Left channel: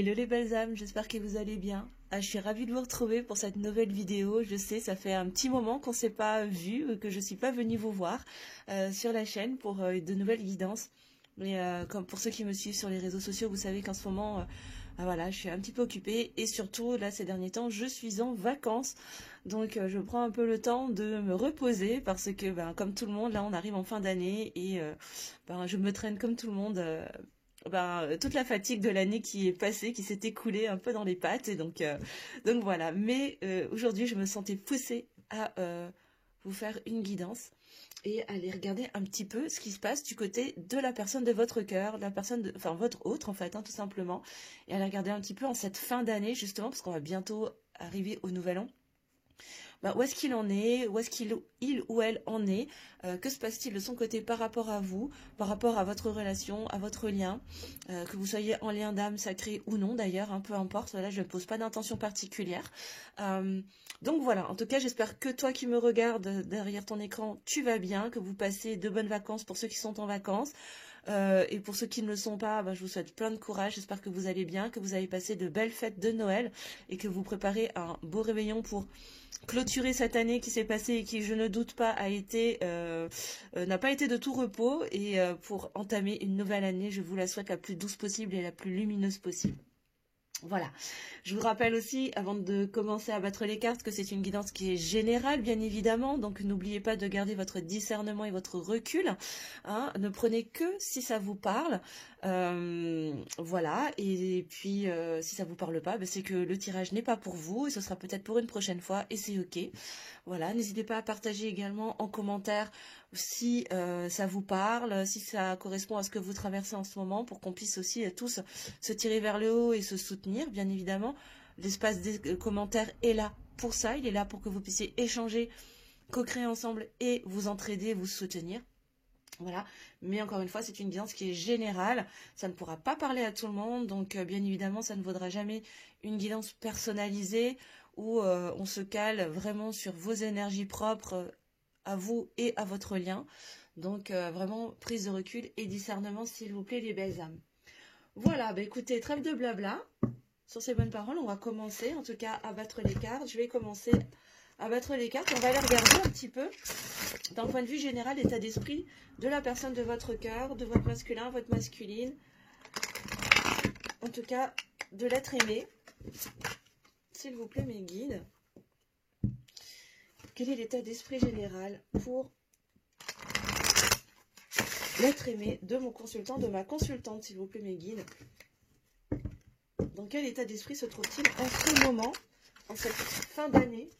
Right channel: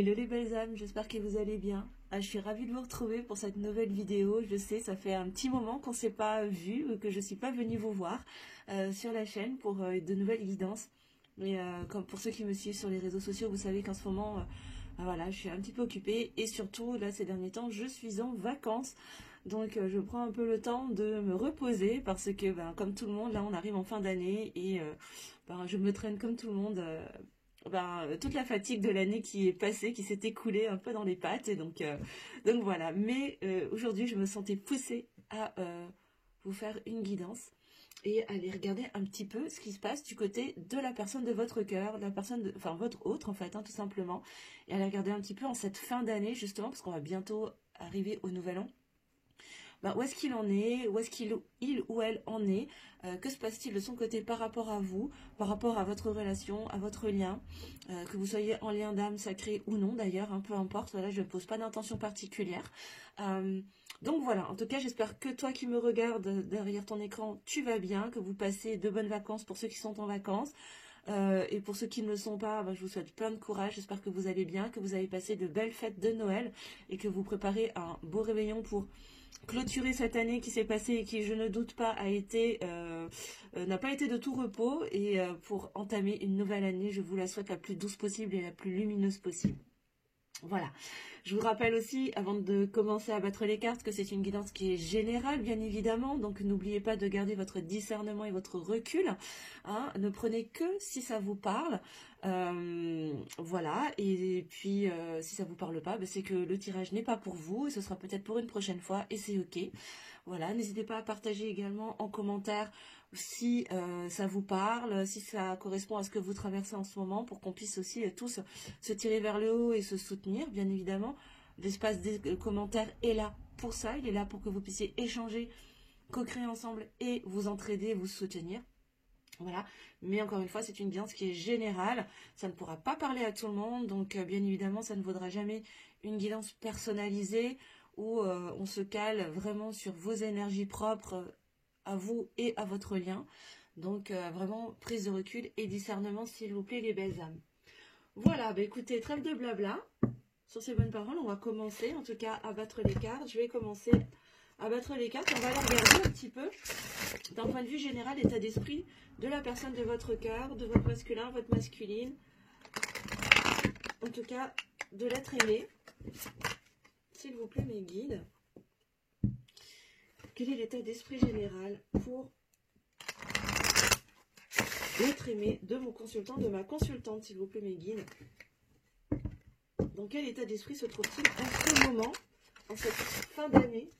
Hello les belles âmes, j'espère que vous allez bien. Je suis ravie de vous retrouver pour cette nouvelle vidéo. Je sais, ça fait un petit moment qu'on ne s'est pas vu, que je ne suis pas venue vous voir sur la chaîne pour de nouvelles guidances. Mais comme pour ceux qui me suivent sur les réseaux sociaux, vous savez qu'en ce moment, voilà, je suis un petit peu occupée. Et surtout, là, ces derniers temps, je suis en vacances. Donc, je prends un peu le temps de me reposer parce que, comme tout le monde, là, on arrive en fin d'année et je me traîne comme tout le monde. Toute la fatigue de l'année qui est passée, qui s'est écoulée un peu dans les pattes. Et donc voilà. Mais aujourd'hui, je me sentais poussée à vous faire une guidance et aller regarder un petit peu ce qui se passe du côté de la personne de votre cœur, enfin votre autre en fait, hein, tout simplement. Et aller regarder un petit peu en cette fin d'année, justement, parce qu'on va bientôt arriver au nouvel an. Où est-ce qu'il en est, où est-ce qu'il ou elle en est, que se passe-t-il de son côté par rapport à vous, par rapport à votre relation, à votre lien, que vous soyez en lien d'âme sacré ou non d'ailleurs, peu importe, là je ne pose pas d'intention particulière. Donc voilà, en tout cas j'espère que toi qui me regardes derrière ton écran, tu vas bien, que vous passez de bonnes vacances pour ceux qui sont en vacances. Et pour ceux qui ne le sont pas, je vous souhaite plein de courage, j'espère que vous allez bien, que vous avez passé de belles fêtes de Noël et que vous préparez un beau réveillon pour clôturer cette année qui s'est passée et qui, je ne doute pas, n'a pas été de tout repos et pour entamer une nouvelle année, je vous la souhaite la plus douce possible et la plus lumineuse possible. Voilà, je vous rappelle aussi, avant de commencer à battre les cartes, que c'est une guidance qui est générale, bien évidemment, donc n'oubliez pas de garder votre discernement et votre recul, hein, ne prenez que si ça vous parle, voilà, et puis si ça vous parle pas, c'est que le tirage n'est pas pour vous, et ce sera peut-être pour une prochaine fois, et c'est ok. Voilà, n'hésitez pas à partager également en commentaire si ça vous parle, si ça correspond à ce que vous traversez en ce moment, pour qu'on puisse aussi tous se tirer vers le haut et se soutenir, bien évidemment. L'espace des commentaires est là pour ça, il est là pour que vous puissiez échanger, co-créer ensemble et vous entraider, vous soutenir. Voilà, mais encore une fois, c'est une guidance qui est générale, ça ne pourra pas parler à tout le monde, donc bien évidemment, ça ne vaudra jamais une guidance personnalisée où on se cale vraiment sur vos énergies propres à vous et à votre lien. Donc vraiment, prise de recul et discernement, s'il vous plaît, les belles âmes. Voilà, écoutez, trêve de blabla. Sur ces bonnes paroles, on va commencer, en tout cas, à battre les cartes. Je vais commencer à battre les cartes. On va aller regarder un petit peu, d'un point de vue général, l'état d'esprit de la personne de votre cœur, de votre masculin, votre masculine. En tout cas, de l'être aimé. S'il vous plaît, mes guides. Quel est l'état d'esprit général pour l'être aimé de mon consultant, de ma consultante, s'il vous plaît, mes guides? Dans quel état d'esprit se trouve-t-il en ce moment, en cette fin d'année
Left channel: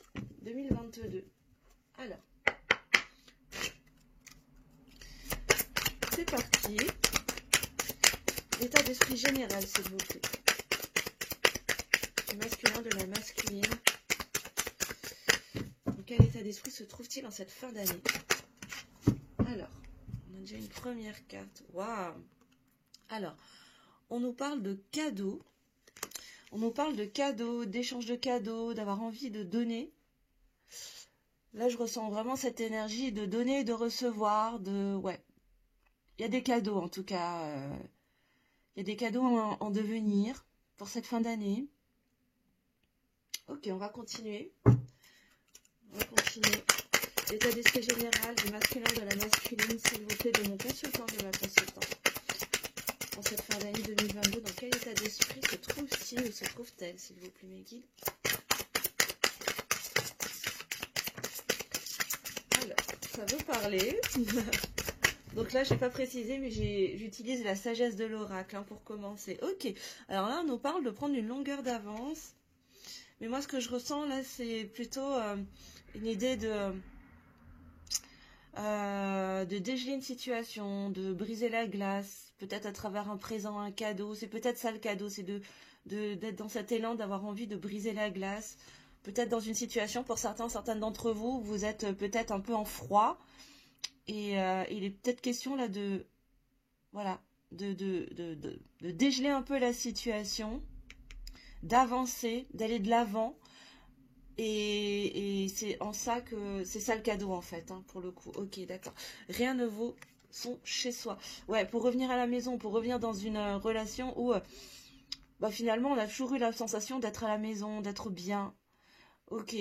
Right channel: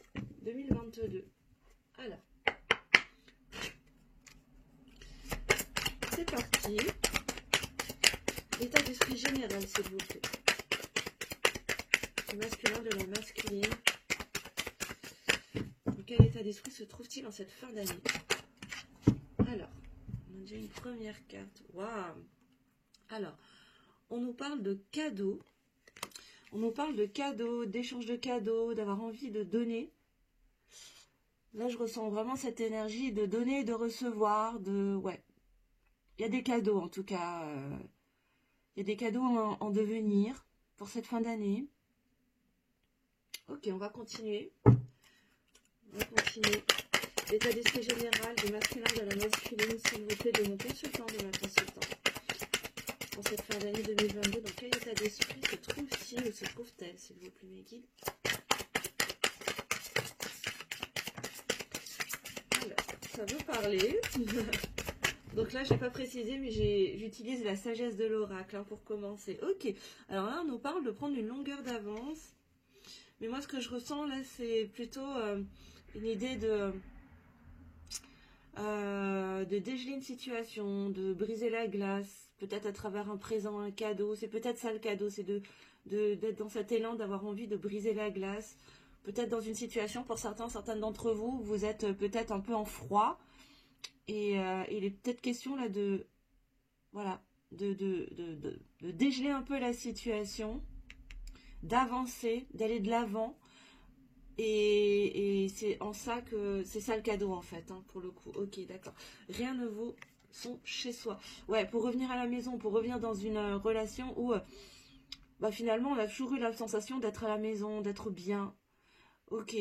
2022? Alors, c'est parti. L'état d'esprit général, s'il vous plaît. Du masculin, de la masculine. Dans quel état d'esprit se trouve-t-il en cette fin d'année? Alors, on a déjà une première carte. Waouh! Alors, on nous parle de cadeaux. On nous parle de cadeaux, d'échange de cadeaux, d'avoir envie de donner. Là, je ressens vraiment cette énergie de donner et de recevoir. Ouais. Il y a des cadeaux, en tout cas. Il y a des cadeaux en devenir pour cette fin d'année. Ok, on va continuer. L'état d'esprit général du masculin de la masculine, s'il vous plaît, de mon consultant, de ma consultante. En cette fin d'année 2022, dans quel état d'esprit se trouve-t-il ou se trouve-t-elle, s'il vous plaît, mes guides? Alors, ça veut parler. Donc là, je n'ai pas précisé, mais j'utilise la sagesse de l'oracle pour commencer. Ok, alors là, on nous parle de prendre une longueur d'avance. Mais moi, ce que je ressens là, c'est plutôt une idée de dégeler une situation, de briser la glace, peut-être à travers un présent, un cadeau. C'est peut-être ça le cadeau, c'est d'être dans cet élan, d'avoir envie de briser la glace. Peut-être dans une situation, pour certaines d'entre vous, vous êtes peut-être un peu en froid. Et il est peut-être question là de dégeler un peu la situation, d'avancer, d'aller de l'avant. Et c'est en ça que c'est ça le cadeau en fait, hein, pour le coup. Ok, d'accord. Rien ne vaut son chez soi. Ouais, pour revenir à la maison, pour revenir dans une relation où bah finalement, on a toujours eu la sensation d'être à la maison, d'être bien. Ok.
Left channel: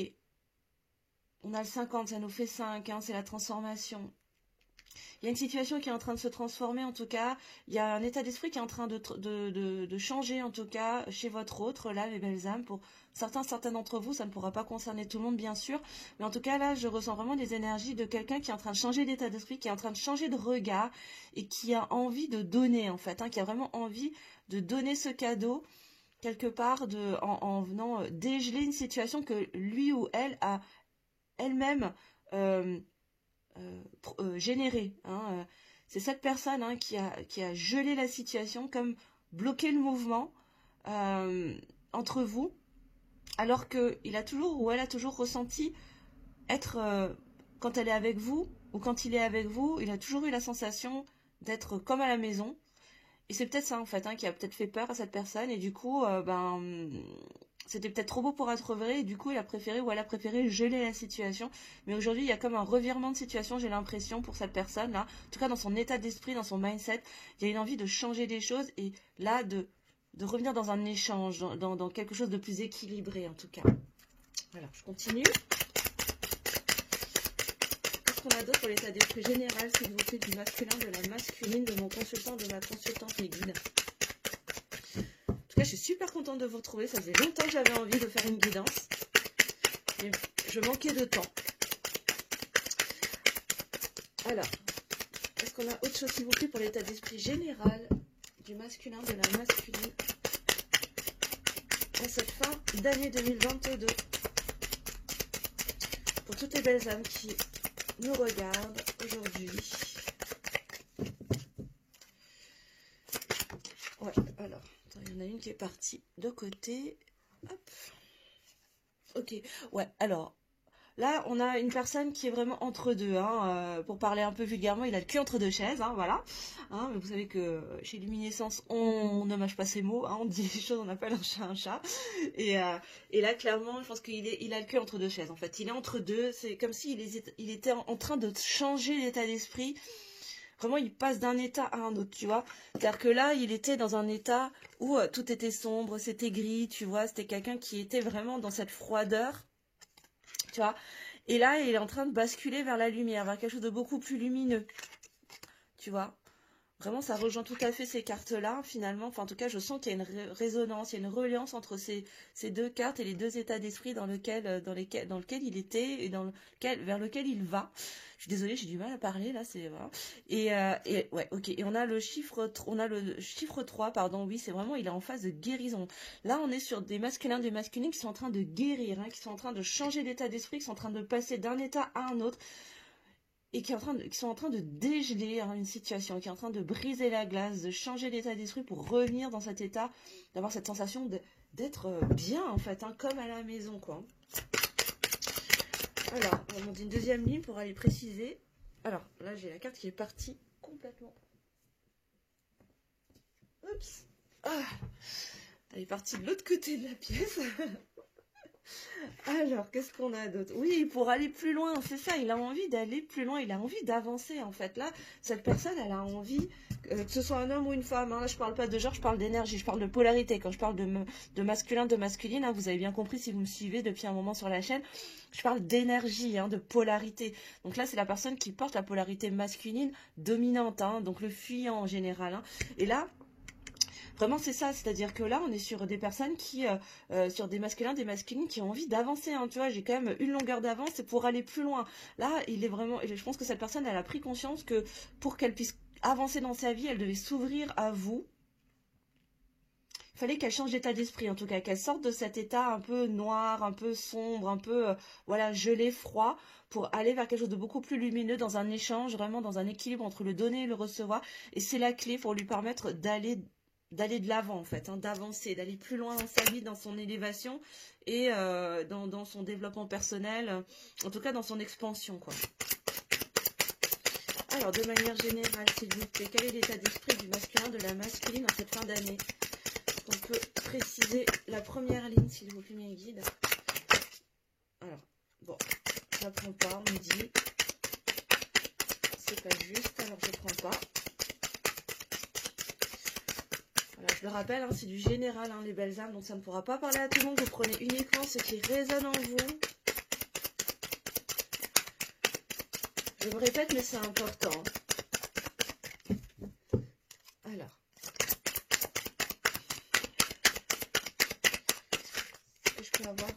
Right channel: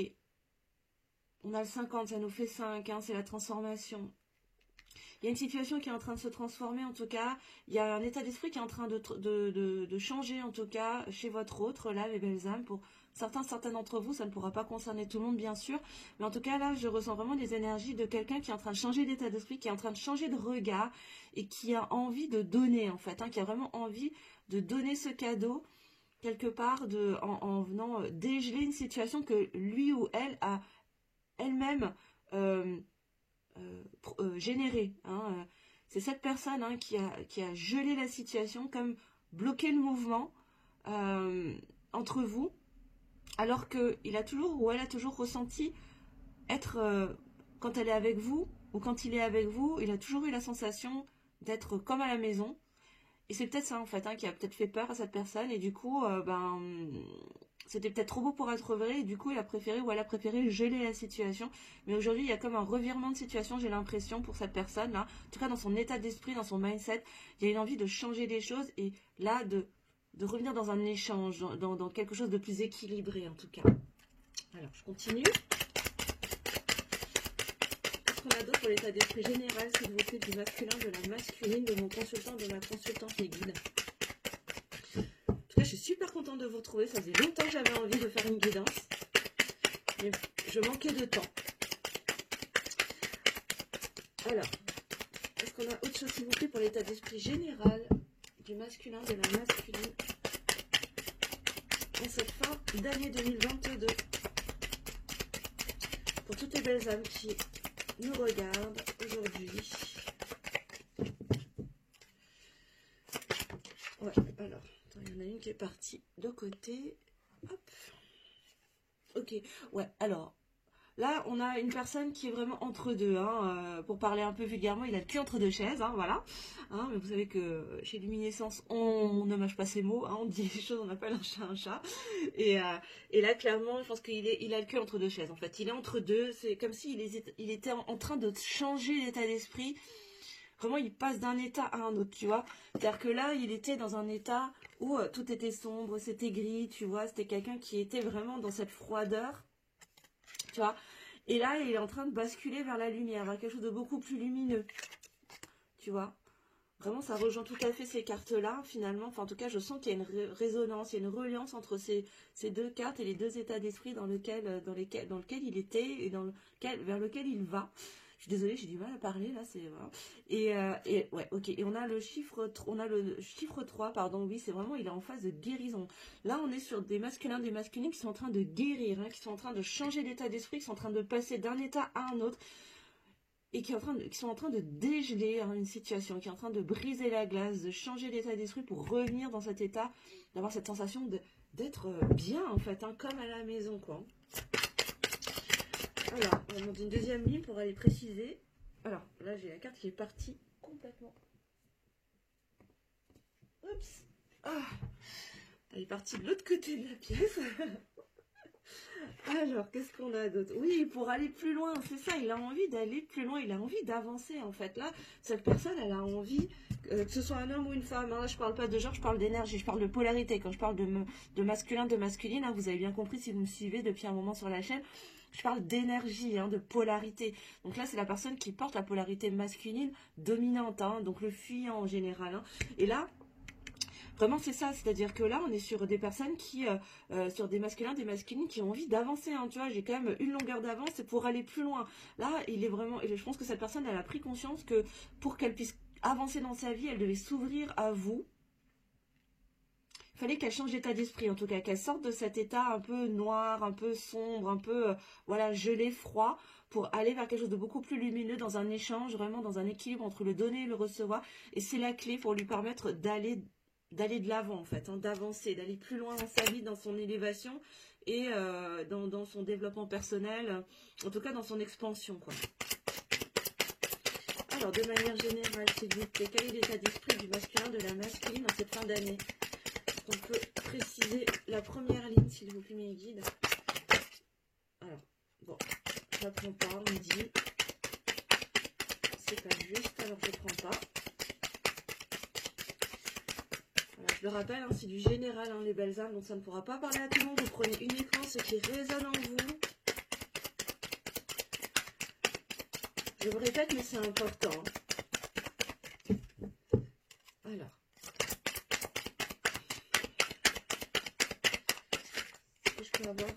On a le 50, ça nous fait 5, hein, c'est la transformation. Il y a une situation qui est en train de se transformer, en tout cas. Il y a un état d'esprit qui est en train de changer, en tout cas, chez votre autre, là, les belles âmes. Pour certains d'entre vous, ça ne pourra pas concerner tout le monde, bien sûr. Mais en tout cas, là, je ressens vraiment des énergies de quelqu'un qui est en train de changer d'état d'esprit, qui est en train de changer de regard et qui a envie de donner, en fait, hein, qui a vraiment envie de donner ce cadeau, quelque part, en venant dégeler une situation que lui ou elle a elle-même générée. Hein. C'est cette personne, hein, qui a gelé la situation, comme bloqué le mouvement entre vous, alors qu'il a toujours ou elle a toujours ressenti être, quand elle est avec vous ou quand il est avec vous, il a toujours eu la sensation d'être comme à la maison. Et c'est peut-être ça, en fait, hein, qui a peut-être fait peur à cette personne. Et du coup, c'était peut-être trop beau pour être vrai. Et du coup, il a préféré ou elle a préféré geler la situation. Mais aujourd'hui, il y a comme un revirement de situation, j'ai l'impression, pour cette personne-là. En tout cas, dans son état d'esprit, dans son mindset, il y a une envie de changer les choses. Et là, de revenir dans un échange, dans quelque chose de plus équilibré, en tout cas. Alors, je continue. Qu'est-ce qu'on a d'autre pour l'état d'esprit général, s'il vous plaît, du masculin, de la masculine, de mon consultant, de la consultante et guide. En tout cas, je suis super contente de vous retrouver. Ça faisait longtemps que j'avais envie de faire une guidance. Mais je manquais de temps. Alors, est-ce qu'on a autre chose, s'il vous plaît, pour l'état d'esprit général du masculin, de la masculine en cette fin d'année 2022 pour toutes les belles âmes qui nous regardent aujourd'hui. Ouais, alors, attends, il y en a une qui est partie de côté. Hop. Ok, ouais, alors, là, on a une personne qui est vraiment entre deux, hein, pour parler un peu vulgairement, il a le cul entre deux chaises, hein, voilà. Hein, mais vous savez que chez Luminescence, on ne mâche pas ses mots, hein, on dit les choses, on appelle un chat un chat. Et là, clairement, je pense qu'il a le cul entre deux chaises, en fait. Il est entre deux, c'est comme s'il il était en train de changer l'état d'esprit. Vraiment, il passe d'un état à un autre, tu vois. C'est-à-dire que là, il était dans un état où tout était sombre, c'était gris, tu vois. C'était quelqu'un qui était vraiment dans cette froideur, tu vois. Et là, il est en train de basculer vers la lumière, vers quelque chose de beaucoup plus lumineux, tu vois. Vraiment, ça rejoint tout à fait ces cartes-là, finalement. Enfin, en tout cas, je sens qu'il y a une résonance, il y a une reliance entre ces deux cartes et les deux états d'esprit dans lequel il était et vers lequel il va. Je suis désolée, j'ai du mal à parler, là, c'est vraiment... Et ouais, ok. Et on a le chiffre 3, pardon, oui, c'est vraiment, il est en phase de guérison. Là, on est sur des masculins, des masculines qui sont en train de guérir, hein, qui sont en train de changer d'état d'esprit, qui sont en train de passer d'un état à un autre, et qui sont en train de dégeler, hein, une situation, qui est en train de briser la glace, de changer d'état d'esprit pour revenir dans cet état, d'avoir cette sensation d'être bien, en fait, hein, comme à la maison, quoi. Alors, on va monter une deuxième ligne pour aller préciser. Alors, là, j'ai la carte qui est partie complètement. Oups. Ah. Elle est partie de l'autre côté de la pièce. Alors, qu'est-ce qu'on a d'autre? Oui, pour aller plus loin, c'est ça, il a envie d'aller plus loin, il a envie d'avancer, en fait. Là, cette personne, elle a envie, que ce soit un homme ou une femme, hein, là, je parle pas de genre, je parle d'énergie, je parle de polarité. Quand je parle de masculin, de masculine, hein, vous avez bien compris si vous me suivez depuis un moment sur la chaîne, je parle d'énergie, hein, de polarité. Donc là, c'est la personne qui porte la polarité masculine dominante, hein, donc le fuyant en général. Hein. Et là, vraiment, c'est ça, c'est-à-dire que là, on est sur des personnes sur des masculins, des masculines qui ont envie d'avancer, hein, tu vois, j'ai quand même une longueur d'avance pour aller plus loin. Là, il est vraiment, je pense que cette personne, elle a pris conscience que pour qu'elle puisse avancer dans sa vie, elle devait s'ouvrir à vous. Il fallait qu'elle change d'état d'esprit, en tout cas, qu'elle sorte de cet état un peu noir, un peu sombre, un peu, voilà, gelé, froid, pour aller vers quelque chose de beaucoup plus lumineux, dans un échange, vraiment dans un équilibre entre le donner et le recevoir. Et c'est la clé pour lui permettre d'aller de l'avant, en fait, hein, d'avancer, d'aller plus loin dans sa vie, dans son élévation et dans son développement personnel, en tout cas dans son expansion, quoi. Alors, de manière générale, s'il vous plaît, quel est l'état d'esprit du masculin, de la masculine en cette fin d'année? On peut préciser la première ligne, s'il vous plaît, mes guides. Alors, bon, ça prend pas, on me dit. C'est pas juste, alors je prends pas. Voilà, Je le rappelle, hein, c'est du général, hein, les belles âmes, donc ça ne pourra pas parler à tout le monde. Vous prenez uniquement ce qui résonne en vous. Je me répète, mais c'est important. Alors. Je peux avoir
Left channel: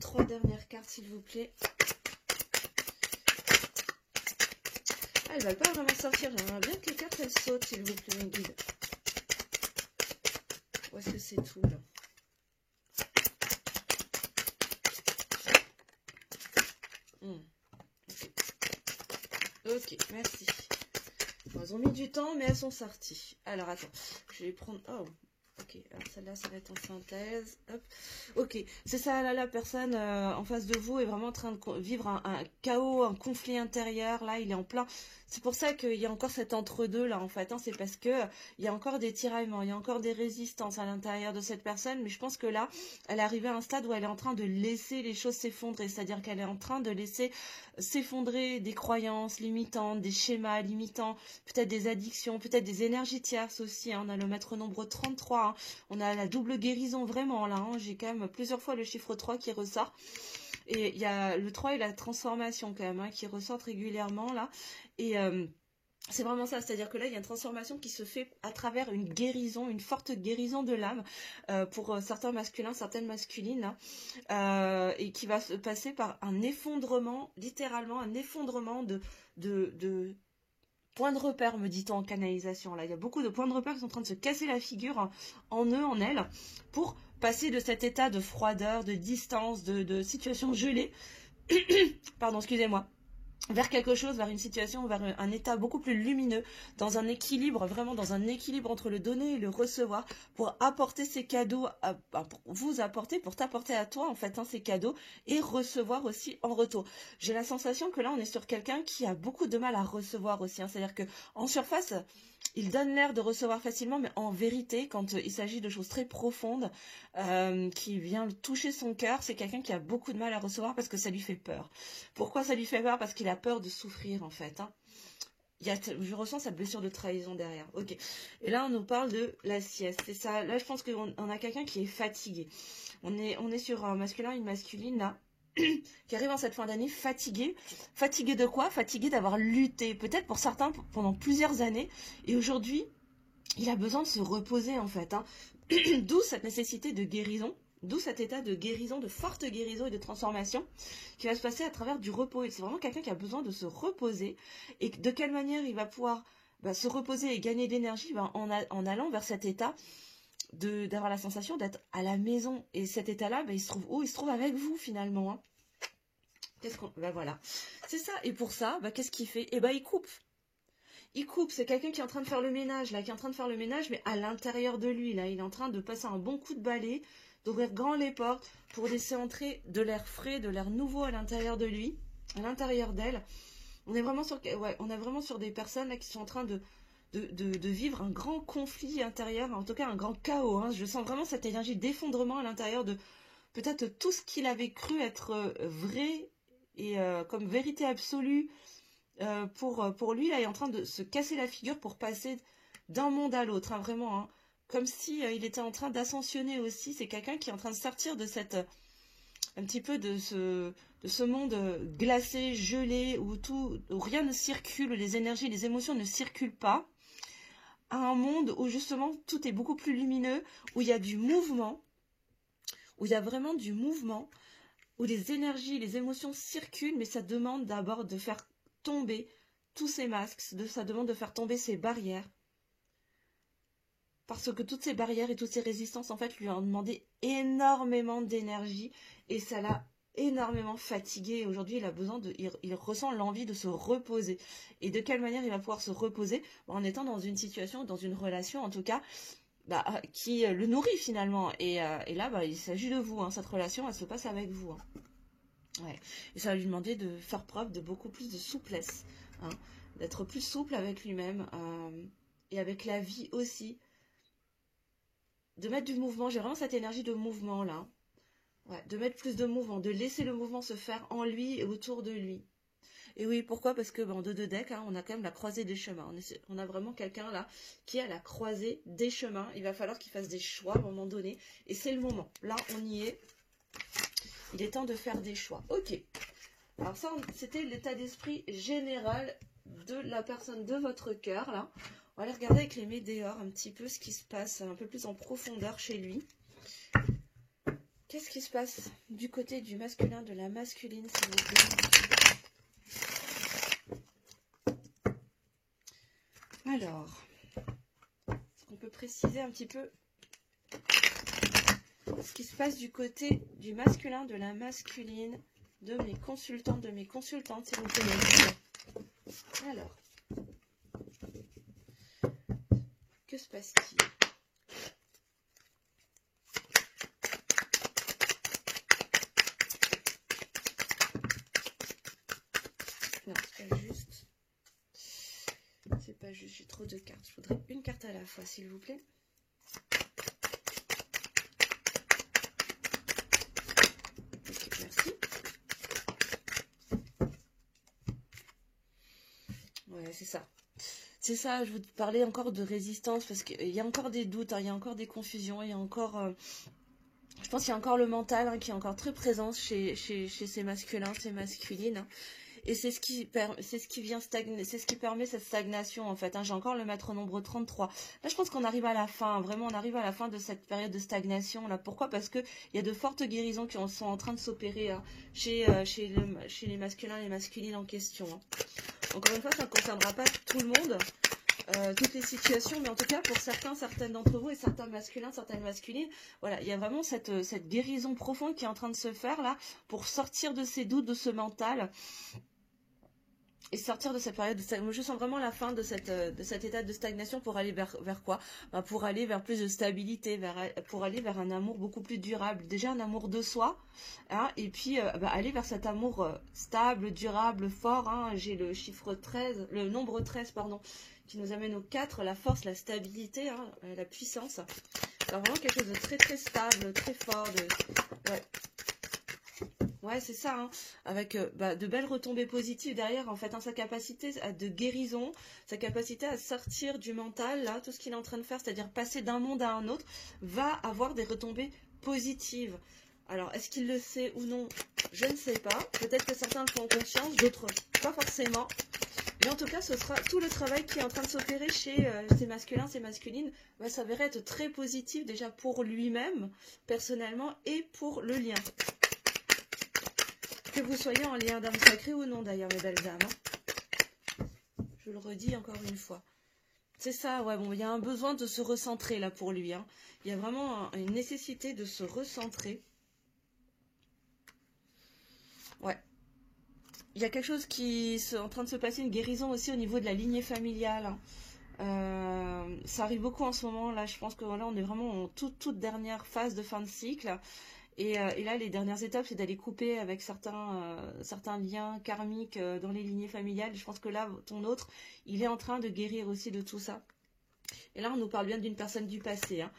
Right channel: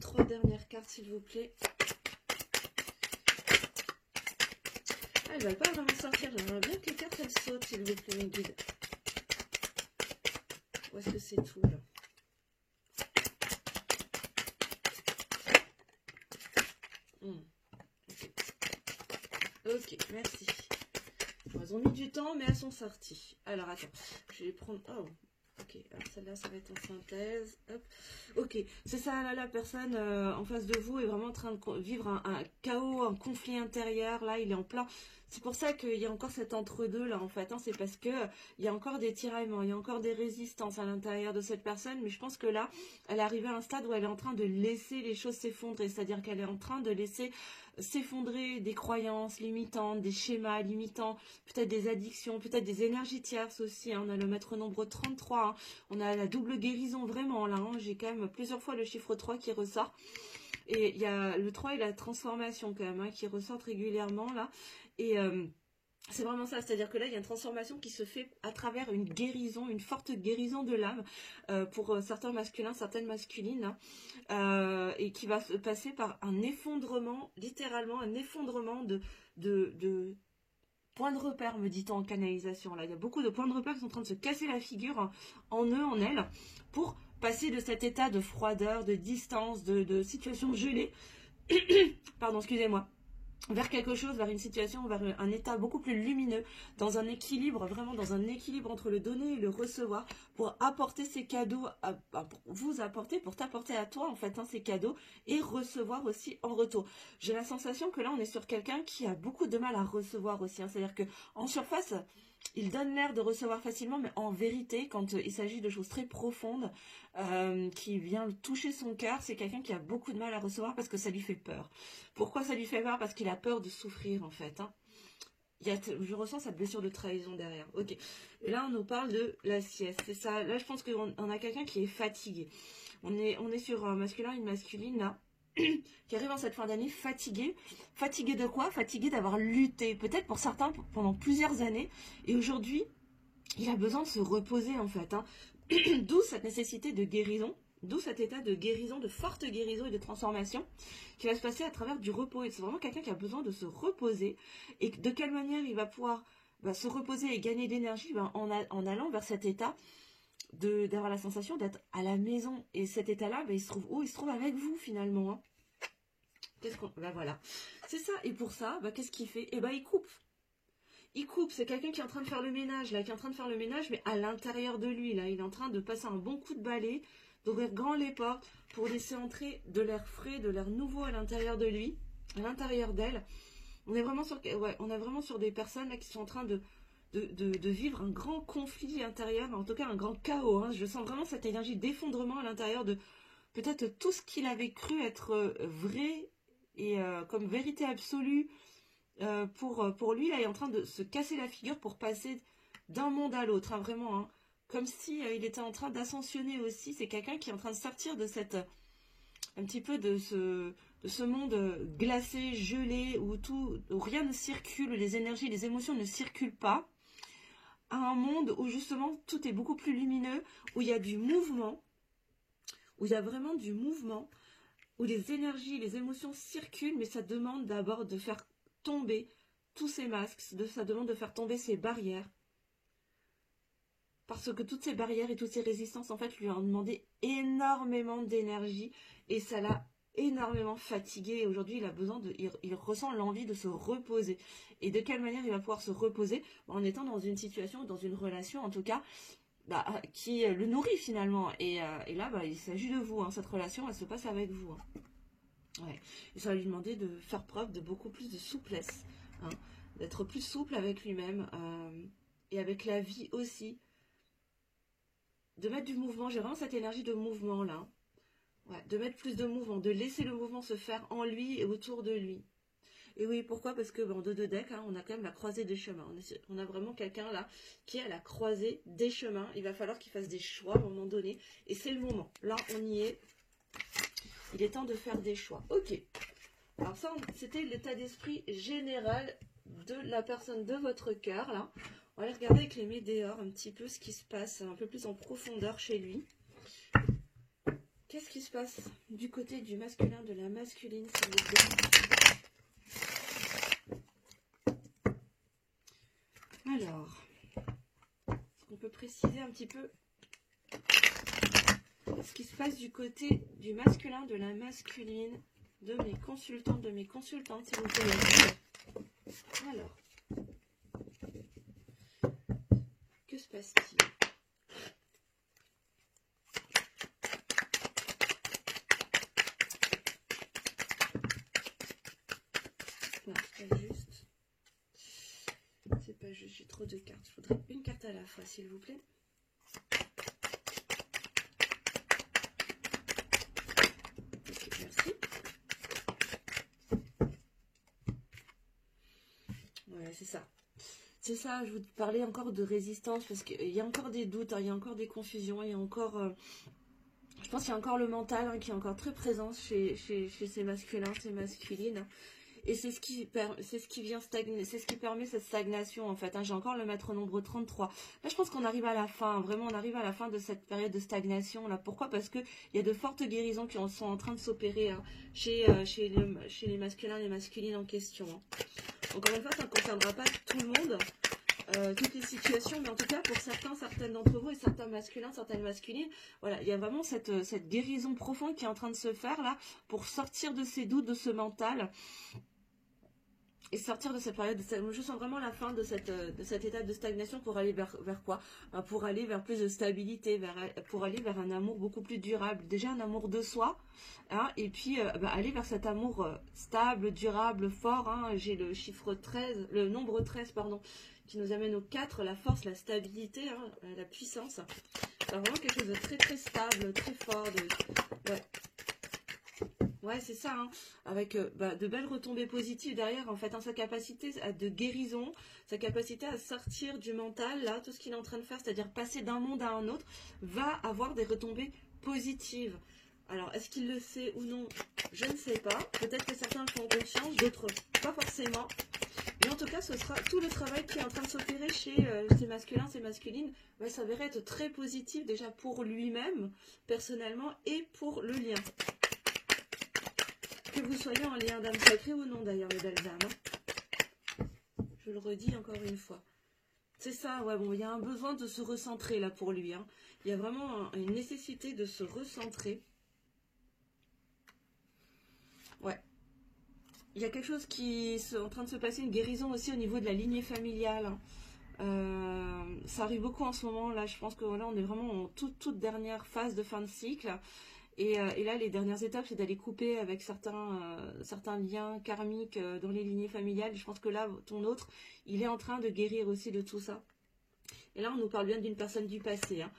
3 dernières cartes, s'il vous plaît. Elles ne veulent pas vraiment sortir. J'aimerais bien que les cartes, elles sautent, s'il vous plaît, mes guides. Où est-ce que c'est tout, là? Ok, merci. Elles ont mis du temps, mais elles sont sorties. Alors, attends. Je vais prendre... Oh, ok. Alors, celle-là, ça va être en synthèse. Hop. Ok. C'est ça, là, la personne en face de vous est vraiment en train de vivre un chaos, un conflit intérieur. Là, il est en plein... C'est pour ça qu'il y a encore cet entre-deux, là, en fait. Hein. C'est parce que il y a encore des tiraillements, il y a encore des résistances à l'intérieur de cette personne. Mais je pense que là, elle est arrivée à un stade où elle est en train de laisser les choses s'effondrer. C'est-à-dire qu'elle est en train de laisser s'effondrer des croyances limitantes, des schémas limitants, peut-être des addictions, peut-être des énergies tierces aussi. Hein. On a le maître nombre 33, hein. On a la double guérison vraiment là. Hein. J'ai quand même plusieurs fois le chiffre 3 qui ressort. Et il y a le 3 et la transformation quand même, hein, qui ressortent régulièrement là. Et c'est vraiment ça, c'est-à-dire que là, il y a une transformation qui se fait à travers une guérison, une forte guérison de l'âme pour certains masculins, certaines masculines, là, et qui va se passer par un effondrement, littéralement un effondrement de points de repère, me dit-on en canalisation. Là, il y a beaucoup de points de repère qui sont en train de se casser la figure en eux, en elles, pour passer de cet état de froideur, de distance, de situation gelée, pardon, excusez-moi, vers quelque chose, vers une situation, vers un état beaucoup plus lumineux, dans un équilibre, vraiment dans un équilibre entre le donner et le recevoir, pour apporter ces cadeaux, pour vous apporter, pour t'apporter à toi, en fait, hein, ces cadeaux, et recevoir aussi en retour. J'ai la sensation que là, on est sur quelqu'un qui a beaucoup de mal à recevoir aussi, hein, c'est-à-dire que en surface, il donne l'air de recevoir facilement, mais en vérité, quand il s'agit de choses très profondes, qui vient toucher son cœur, c'est quelqu'un qui a beaucoup de mal à recevoir parce que ça lui fait peur. Pourquoi ça lui fait peur? Parce qu'il a peur de souffrir, en fait. Hein. Je ressens sa blessure de trahison derrière. Ok. Et là, on nous parle de la sieste. C'est ça. Là, je pense qu'on a quelqu'un qui est fatigué. On est sur un masculin et une masculine, là, qui arrive en cette fin d'année fatigué. Fatigué de quoi? Fatigué d'avoir lutté, peut-être pour certains, pendant plusieurs années. Et aujourd'hui, il a besoin de se reposer, en fait. Hein. D'où cette nécessité de guérison, d'où cet état de guérison, de forte guérison et de transformation qui va se passer à travers du repos. Et c'est vraiment quelqu'un qui a besoin de se reposer. Et de quelle manière il va pouvoir se reposer et gagner de l'énergie en allant vers cet état d'avoir la sensation d'être à la maison. Et cet état-là, il se trouve où? Il se trouve avec vous finalement. Hein. Voilà. C'est ça. Et pour ça, qu'est-ce qu'il fait? Il coupe. Il coupe, c'est quelqu'un qui est en train de faire le ménage, là, qui est en train de faire le ménage, mais à l'intérieur de lui, là, il est en train de passer un bon coup de balai, d'ouvrir grand les portes pour laisser entrer de l'air frais, de l'air nouveau à l'intérieur de lui, à l'intérieur d'elle. On est vraiment sur des personnes là qui sont en train de vivre un grand conflit intérieur, en tout cas un grand chaos. Hein. Je sens vraiment cette énergie d'effondrement à l'intérieur de peut-être tout ce qu'il avait cru être vrai et comme vérité absolue. Pour lui, là, il est en train de se casser la figure pour passer d'un monde à l'autre, hein, vraiment, hein, comme si il était en train d'ascensionner aussi. C'est quelqu'un qui est en train de sortir de un petit peu de ce monde glacé, gelé, où rien ne circule, où les énergies, les émotions ne circulent pas, à un monde où justement tout est beaucoup plus lumineux, où il y a du mouvement, où il y a vraiment du mouvement, où les énergies, les émotions circulent, mais ça demande d'abord de faire tomber tous ces masques, ça demande de faire tomber ces barrières. Parce que toutes ces barrières et toutes ces résistances, en fait, lui ont demandé énormément d'énergie et ça l'a énormément fatigué. Aujourd'hui, il ressent l'envie de se reposer. Et de quelle manière il va pouvoir se reposer? En étant dans une situation, dans une relation, en tout cas, qui le nourrit finalement. Et là, il s'agit de vous. Hein. Cette relation, elle se passe avec vous. Hein. Ouais. Et ça va lui demander de faire preuve de beaucoup plus de souplesse, hein, d'être plus souple avec lui-même et avec la vie aussi, de mettre du mouvement. J'ai vraiment cette énergie de mouvement là, ouais, de mettre plus de mouvement, de laisser le mouvement se faire en lui et autour de lui. Et oui, pourquoi? Parce que en deux decks, hein, on a quand même la croisée des chemins. On a vraiment quelqu'un là qui est à la croisée des chemins. Il va falloir qu'il fasse des choix à un moment donné. Et c'est le moment. Là, on y est. Il est temps de faire des choix. Ok. Alors ça, c'était l'état d'esprit général de la personne de votre cœur, là. On va aller regarder avec les météores un petit peu ce qui se passe un peu plus en profondeur chez lui. Qu'est-ce qui se passe du côté du masculin, de la masculine, s'il vous plaît? Alors, est-ce qu'on peut préciser un petit peu ce qui se passe du côté du masculin, de la masculine, de mes consultantes, s'il vous plaît? Alors, que se passe-t-il? Non, c'est pas juste. C'est pas juste, j'ai trop de cartes. Il faudrait une carte à la fois, s'il vous plaît. Ok, merci. Ouais, c'est ça. C'est ça, je vous parlais encore de résistance, parce qu'il y a encore des doutes, hein, il y a encore des confusions, il y a encore... je pense qu'il y a encore le mental, hein, qui est encore très présent chez ces masculins, ces masculines. Et c'est ce qui vient stagner, c'est ce qui permet cette stagnation, en fait. Hein. J'ai encore le maître nombre 33. Là, je pense qu'on arrive à la fin, vraiment, on arrive à la fin de cette période de stagnation. Là. Pourquoi? Parce qu'il y a de fortes guérisons qui sont en train de s'opérer, hein, chez les masculins et les masculines en question. Hein. Encore une fois, ça ne concernera pas tout le monde, toutes les situations, mais en tout cas, pour certaines d'entre vous, et certains masculins, certaines masculines, voilà, il y a vraiment cette guérison profonde qui est en train de se faire, là, pour sortir de ces doutes, de ce mental, et sortir de cette période de stagnation. Je sens vraiment la fin de cet état de stagnation pour aller vers quoi? Pour aller vers plus de stabilité, pour aller vers un amour beaucoup plus durable. Déjà un amour de soi, hein, et puis aller vers cet amour stable, durable, fort. Hein. J'ai le chiffre 13, le nombre 13, pardon, qui nous amène au 4, la force, la stabilité, hein, la puissance. C'est vraiment quelque chose de très très stable, très fort. Ouais. Ouais, c'est ça, hein. Avec de belles retombées positives derrière, en fait, hein, sa capacité de guérison, sa capacité à sortir du mental, là, tout ce qu'il est en train de faire, c'est-à-dire passer d'un monde à un autre, va avoir des retombées positives. Alors, est-ce qu'il le sait ou non? Je ne sais pas. Peut-être que certains le font en conscience, d'autres pas forcément. Mais en tout cas, ce sera tout le travail qui est en train de s'opérer chez ces masculins, ces masculines, va s'avérer être très positif déjà pour lui-même, personnellement, et pour le lien. Que vous soyez en lien d'âme sacrée ou non, d'ailleurs, mes belles âmes. Hein. Je le redis encore une fois. C'est ça, ouais, bon, il y a un besoin de se recentrer, là, pour lui. Hein. Il y a vraiment une nécessité de se recentrer. Ouais. Il y a quelque chose qui est en train de se passer, une guérison aussi au niveau de la lignée familiale. Hein. Ça arrive beaucoup en ce moment, là, je pense que voilà, on est vraiment en toute dernière phase de fin de cycle. Et là, les dernières étapes, c'est d'aller couper avec certains liens karmiques dans les lignées familiales. Je pense que là, ton autre, il est en train de guérir aussi de tout ça. Et là, on nous parle bien d'une personne du passé. Hein.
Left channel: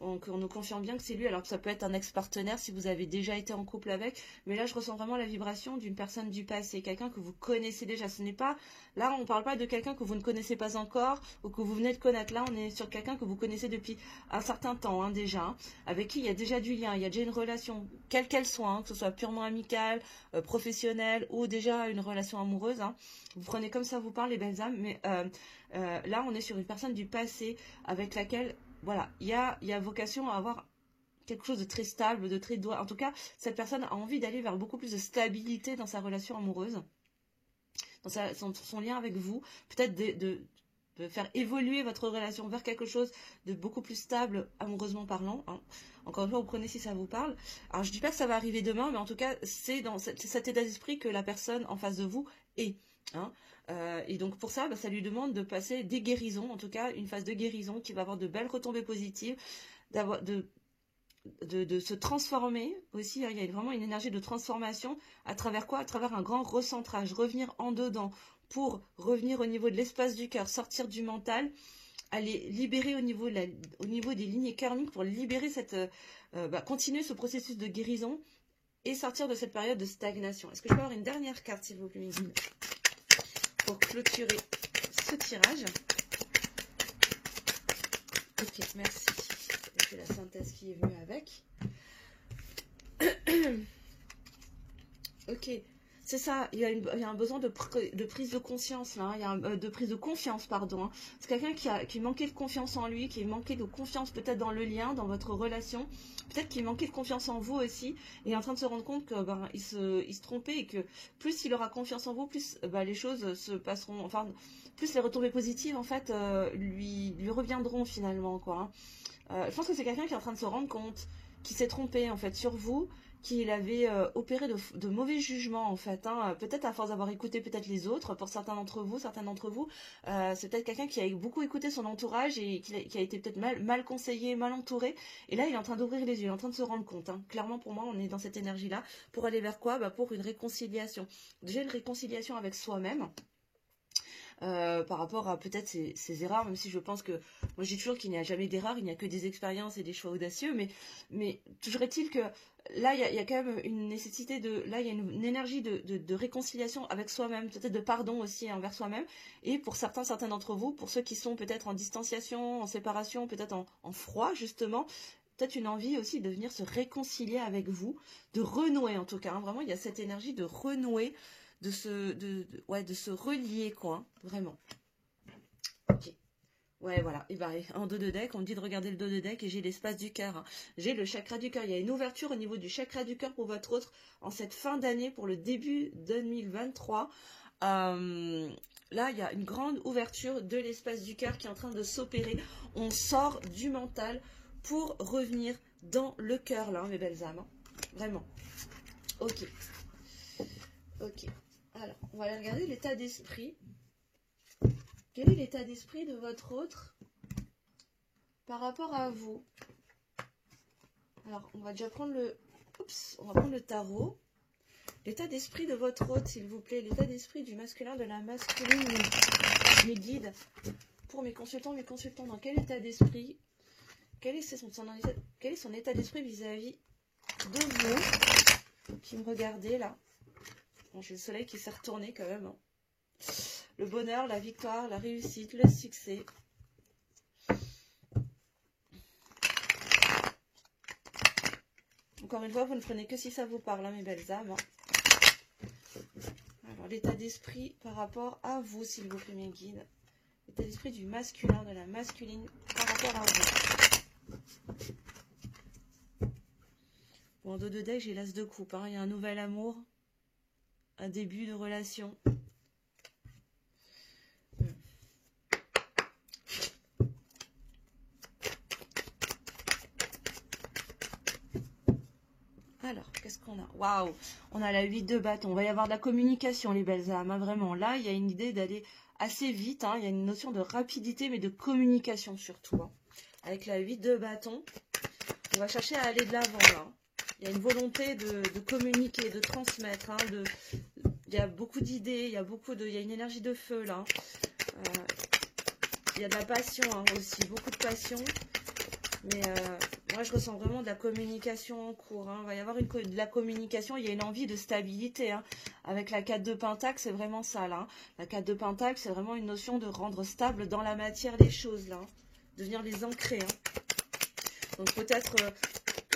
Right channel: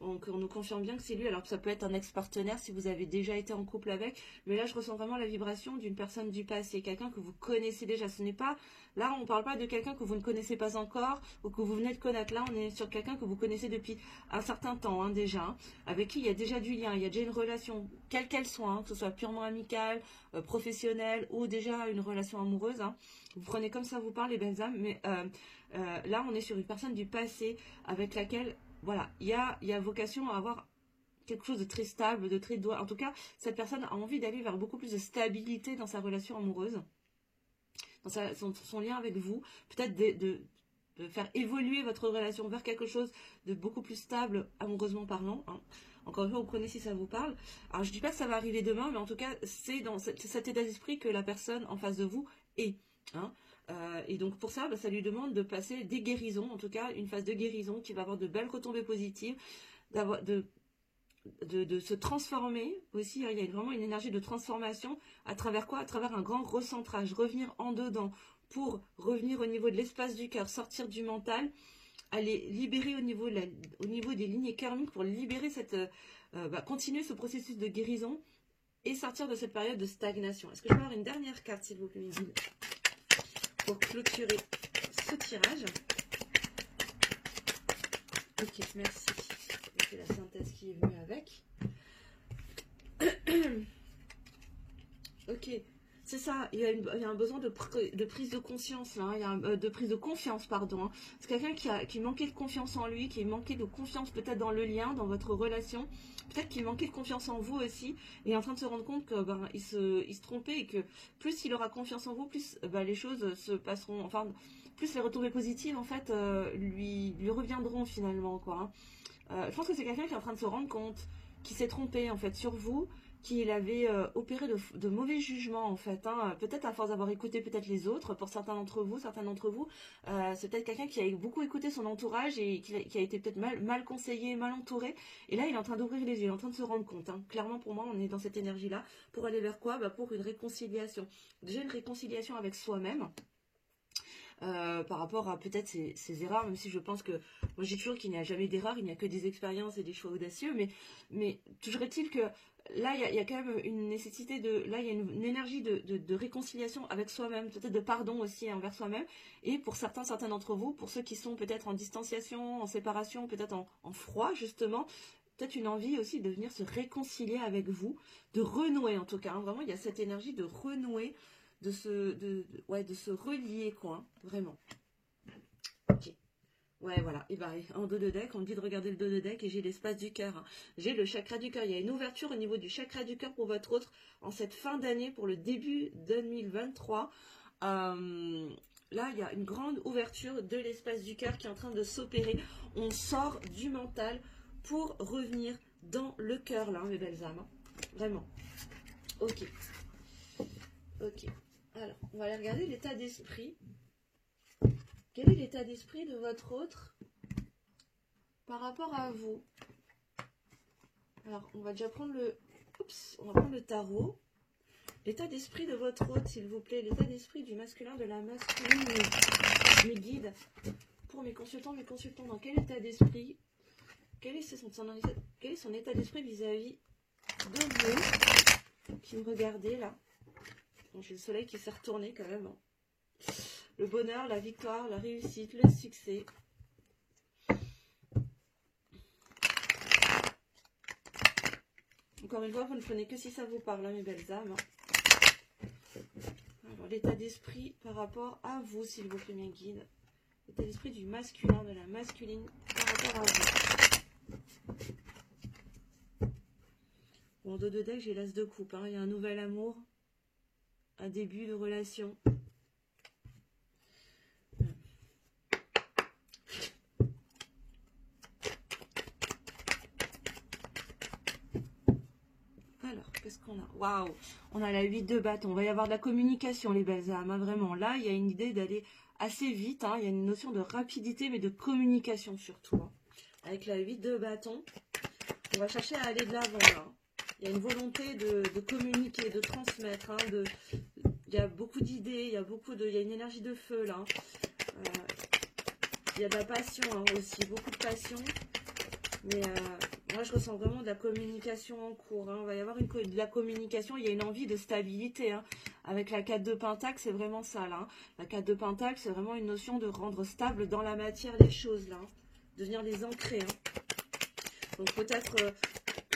Donc, on nous confirme bien que c'est lui, alors que ça peut être un ex-partenaire si vous avez déjà été en couple avec. Mais là, je ressens vraiment la vibration d'une personne du passé, quelqu'un que vous connaissez déjà. Ce n'est pas... Là, on ne parle pas de quelqu'un que vous ne connaissez pas encore ou que vous venez de connaître. Là, on est sur quelqu'un que vous connaissez depuis un certain temps, hein, déjà, hein, avec qui il y a déjà du lien, il y a déjà une relation, quelle qu'elle soit, hein, que ce soit purement amicale, professionnelle ou déjà une relation amoureuse. Hein. Vous prenez comme ça vous parle, les belles âmes, mais là, on est sur une personne du passé avec laquelle... Voilà, il y a vocation à avoir quelque chose de très stable, de très droit. En tout cas, cette personne a envie d'aller vers beaucoup plus de stabilité dans sa relation amoureuse, dans son lien avec vous. Peut-être de faire évoluer votre relation vers quelque chose de beaucoup plus stable, amoureusement parlant. Hein. Encore une fois, vous prenez si ça vous parle. Alors, je ne dis pas que ça va arriver demain, mais en tout cas, c'est dans cet état d'esprit que la personne en face de vous est. Hein. Et donc pour ça, ça lui demande de passer des guérisons, en tout cas une phase de guérison qui va avoir de belles retombées positives, de se transformer aussi. Hein, il y a vraiment une énergie de transformation à travers quoi? À travers un grand recentrage, revenir en dedans pour revenir au niveau de l'espace du cœur, sortir du mental, aller libérer au niveau des lignées karmiques pour libérer continuer ce processus de guérison et sortir de cette période de stagnation. Est-ce que je peux avoir une dernière carte, s'il vous plaît? pour clôturer ce tirage. Ok, merci. Et puis la synthèse qui est venue avec. Ok, c'est ça, il y a un besoin de prise de conscience, là, hein. Il y a de prise de confiance, pardon, hein. C'est quelqu'un qui manquait de confiance en lui, qui manquait de confiance peut-être dans le lien, dans votre relation, peut-être qu'il manquait de confiance en vous aussi. Il est en train de se rendre compte que il se trompait et que plus il aura confiance en vous, plus les choses se passeront, enfin, plus les retombées positives en fait lui reviendront finalement, quoi, hein. Je pense que c'est quelqu'un qui est en train de se rendre compte, qui s'est trompé en fait sur vous, qu'il avait opéré de mauvais jugements en fait, hein. Peut-être à force d'avoir écouté peut-être les autres, pour certains d'entre vous, c'est peut-être quelqu'un qui a beaucoup écouté son entourage et qui a été peut-être mal conseillé, mal entouré, et là il est en train d'ouvrir les yeux, il est en train de se rendre compte, hein. Clairement pour moi on est dans cette énergie-là, pour aller vers quoi? Pour une réconciliation, déjà une réconciliation avec soi-même, par rapport à peut-être ces erreurs, même si je pense que, moi j'ai toujours qu'il n'y a jamais d'erreur, il n'y a que des expériences et des choix audacieux, mais toujours est-il que là il y a quand même une nécessité là il y a une énergie de réconciliation avec soi-même, peut-être de pardon aussi envers soi-même, et pour certains d'entre vous, pour ceux qui sont peut-être en distanciation, en séparation, peut-être en froid justement, peut-être une envie aussi de venir se réconcilier avec vous, de renouer en tout cas, hein. Vraiment il y a cette énergie de renouer, de se relier, quoi, hein, vraiment. Ok. Ouais, voilà. Et en dos de deck, on me dit de regarder le dos de deck et j'ai l'espace du cœur, hein. J'ai le chakra du cœur. Il y a une ouverture au niveau du chakra du cœur pour votre autre en cette fin d'année, pour le début 2023. Là, il y a une grande ouverture de l'espace du cœur qui est en train de s'opérer. On sort du mental pour revenir dans le cœur, là, mes belles âmes, hein. Vraiment. Ok. Ok. Alors, on va aller regarder l'état d'esprit. Quel est l'état d'esprit de votre autre par rapport à vous? Alors, on va déjà prendre le tarot. L'état d'esprit de votre autre, s'il vous plaît. L'état d'esprit du masculin, de la masculine, du guide. Pour mes consultants, dans quel état d'esprit? Quel est son état d'esprit vis-à-vis de vous qui me regardez là? Bon, j'ai le soleil qui s'est retourné quand même, hein. Le bonheur, la victoire, la réussite, le succès. Encore une fois, vous ne prenez que si ça vous parle, hein, mes belles âmes, hein. Alors, l'état d'esprit par rapport à vous, s'il vous plaît, mes guides. L'état d'esprit du masculin, de la masculine par rapport à vous. Bon, en dos de deck, j'ai l'as de coupe, hein. Il y a un nouvel amour, un début de relation. Alors, qu'est-ce qu'on a? Waouh! On a la 8 de bâton. On va y avoir de la communication, les belles âmes, hein, vraiment. Là, il y a une idée d'aller assez vite, hein. Il y a une notion de rapidité, mais de communication surtout, hein. Avec la 8 de bâton, on va chercher à aller de l'avant, hein. Il y a une volonté de communiquer, de transmettre, hein, il y a beaucoup d'idées, il y a une énergie de feu, là. Il y a de la passion, hein, aussi, beaucoup de passion. Mais moi, je ressens vraiment de la communication en cours, hein. Il va y avoir de la communication, il y a une envie de stabilité, hein. Avec la 4 de Pentacle, c'est vraiment ça, là, hein. La 4 de Pentacle, c'est vraiment une notion de rendre stable dans la matière les choses, là, hein. De venir les ancrer, hein. Donc peut-être,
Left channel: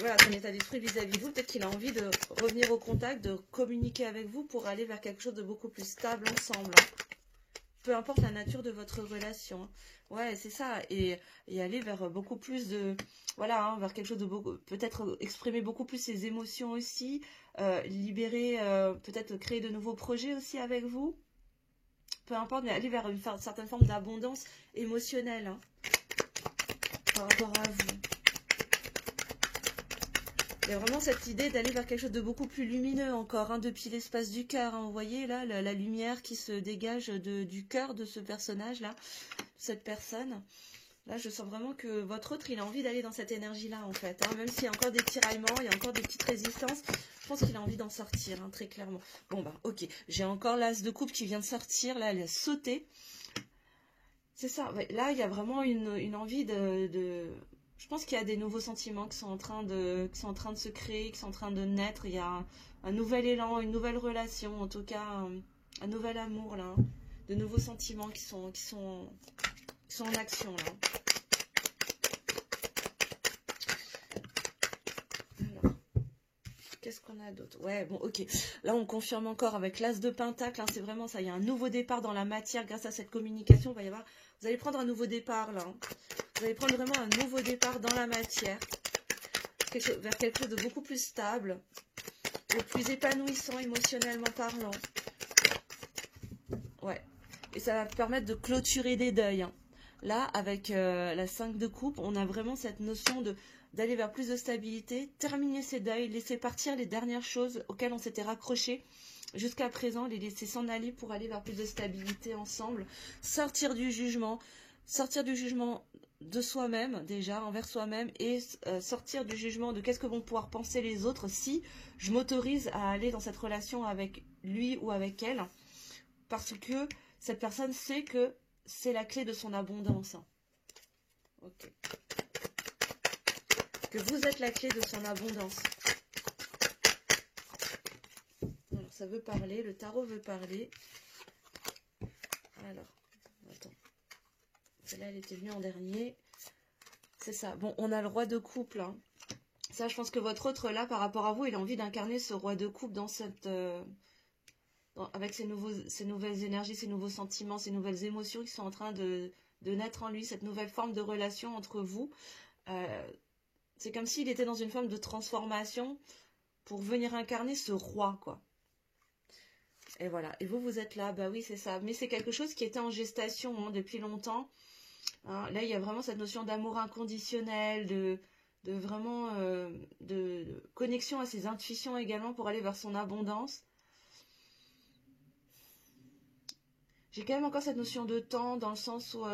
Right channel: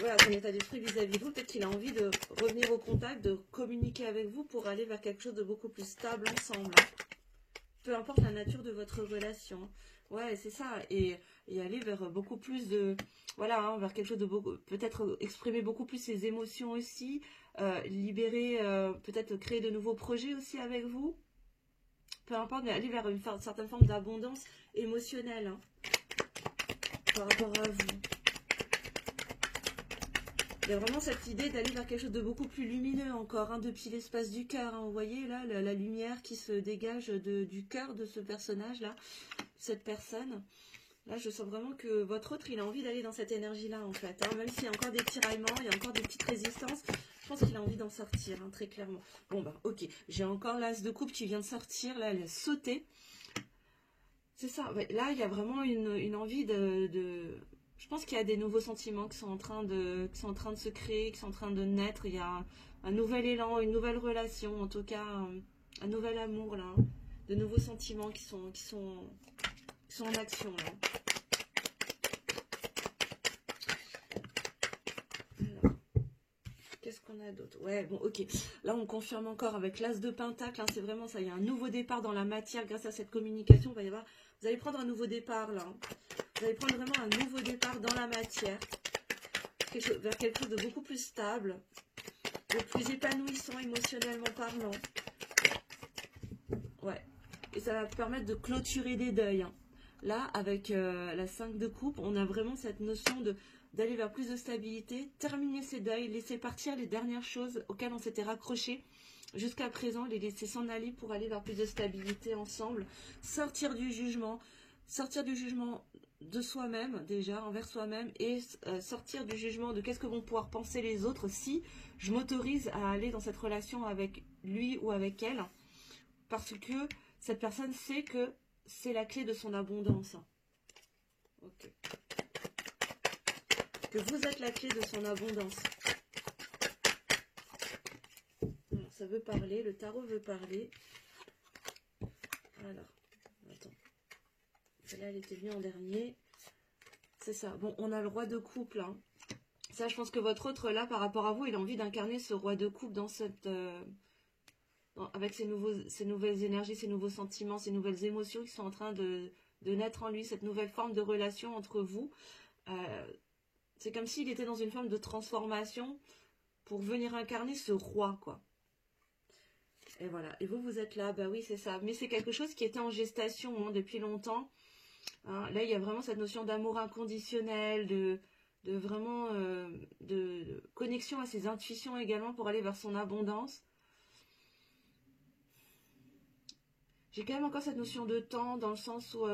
voilà, son état d'esprit vis-à-vis de vous, peut-être qu'il a envie de revenir au contact, de communiquer avec vous pour aller vers quelque chose de beaucoup plus stable ensemble, hein. Peu importe la nature de votre relation. Ouais, c'est ça. Et aller vers beaucoup plus de... Voilà, hein, vers quelque chose de beaucoup... Peut-être exprimer beaucoup plus ses émotions aussi. Libérer, peut-être créer de nouveaux projets aussi avec vous. Peu importe, mais aller vers une certaine forme d'abondance émotionnelle, hein, par rapport à vous. Il y a vraiment cette idée d'aller vers quelque chose de beaucoup plus lumineux encore, hein, depuis l'espace du cœur, hein. Vous voyez là, la lumière qui se dégage du cœur de ce personnage-là, cette personne. Là, je sens vraiment que votre autre, il a envie d'aller dans cette énergie-là, en fait, hein. Même s'il y a encore des tiraillements, il y a encore des petites résistances, je pense qu'il a envie d'en sortir, hein, très clairement. Bon, bah, ok. J'ai encore l'as de coupe qui vient de sortir, là, elle a sauté. C'est ça, ouais. Là, il y a vraiment une envie Je pense qu'il y a des nouveaux sentiments qui sont en train de se créer, qui sont en train de naître. Il y a un nouvel élan, une nouvelle relation, en tout cas, un nouvel amour, là, hein. de nouveaux sentiments qui sont en action là. Alors, qu'est-ce qu'on a d'autre? Ouais, bon, ok. Là, on confirme encore avec l'As de Pentacle. Hein, c'est vraiment ça. Il y a un nouveau départ dans la matière grâce à cette communication. Il va y avoir, vous allez prendre un nouveau départ là. Hein. Vous allez prendre vraiment un nouveau départ dans la matière. Vers quelque chose de beaucoup plus stable, de plus épanouissant émotionnellement parlant. Ouais. Et ça va permettre de clôturer des deuils. Hein. Là, avec la 5 de coupe, on a vraiment cette notion d'aller vers plus de stabilité, terminer ces deuils, laisser partir les dernières choses auxquelles on s'était raccroché jusqu'à présent, les laisser s'en aller pour aller vers plus de stabilité ensemble, sortir du jugement de soi-même déjà, envers soi-même, et sortir du jugement de qu'est-ce que vont pouvoir penser les autres si je m'autorise à aller dans cette relation avec lui ou avec elle, parce que cette personne sait que c'est la clé de son abondance. Ok. Que vous êtes la clé de son abondance. Alors, ça veut parler, le tarot veut parler. Alors, attends. Celle-là, elle était venue en dernier. C'est ça. Bon, on a le roi de coupe, là. Ça, je pense que votre autre, là, par rapport à vous, il a envie d'incarner ce roi de coupe dans cette... avec ces nouvelles énergies, ces nouveaux sentiments, ces nouvelles émotions qui sont en train de naître en lui, cette nouvelle forme de relation entre vous. C'est comme s'il était dans une forme de transformation pour venir incarner ce roi, quoi. Et voilà. Et vous, vous êtes là. Bah oui, c'est ça. Mais c'est quelque chose qui était en gestation hein, depuis longtemps. Hein, là, il y a vraiment cette notion d'amour inconditionnel, de vraiment de connexion à ses intuitions également pour aller vers son abondance. J'ai quand même encore cette notion de temps dans le sens où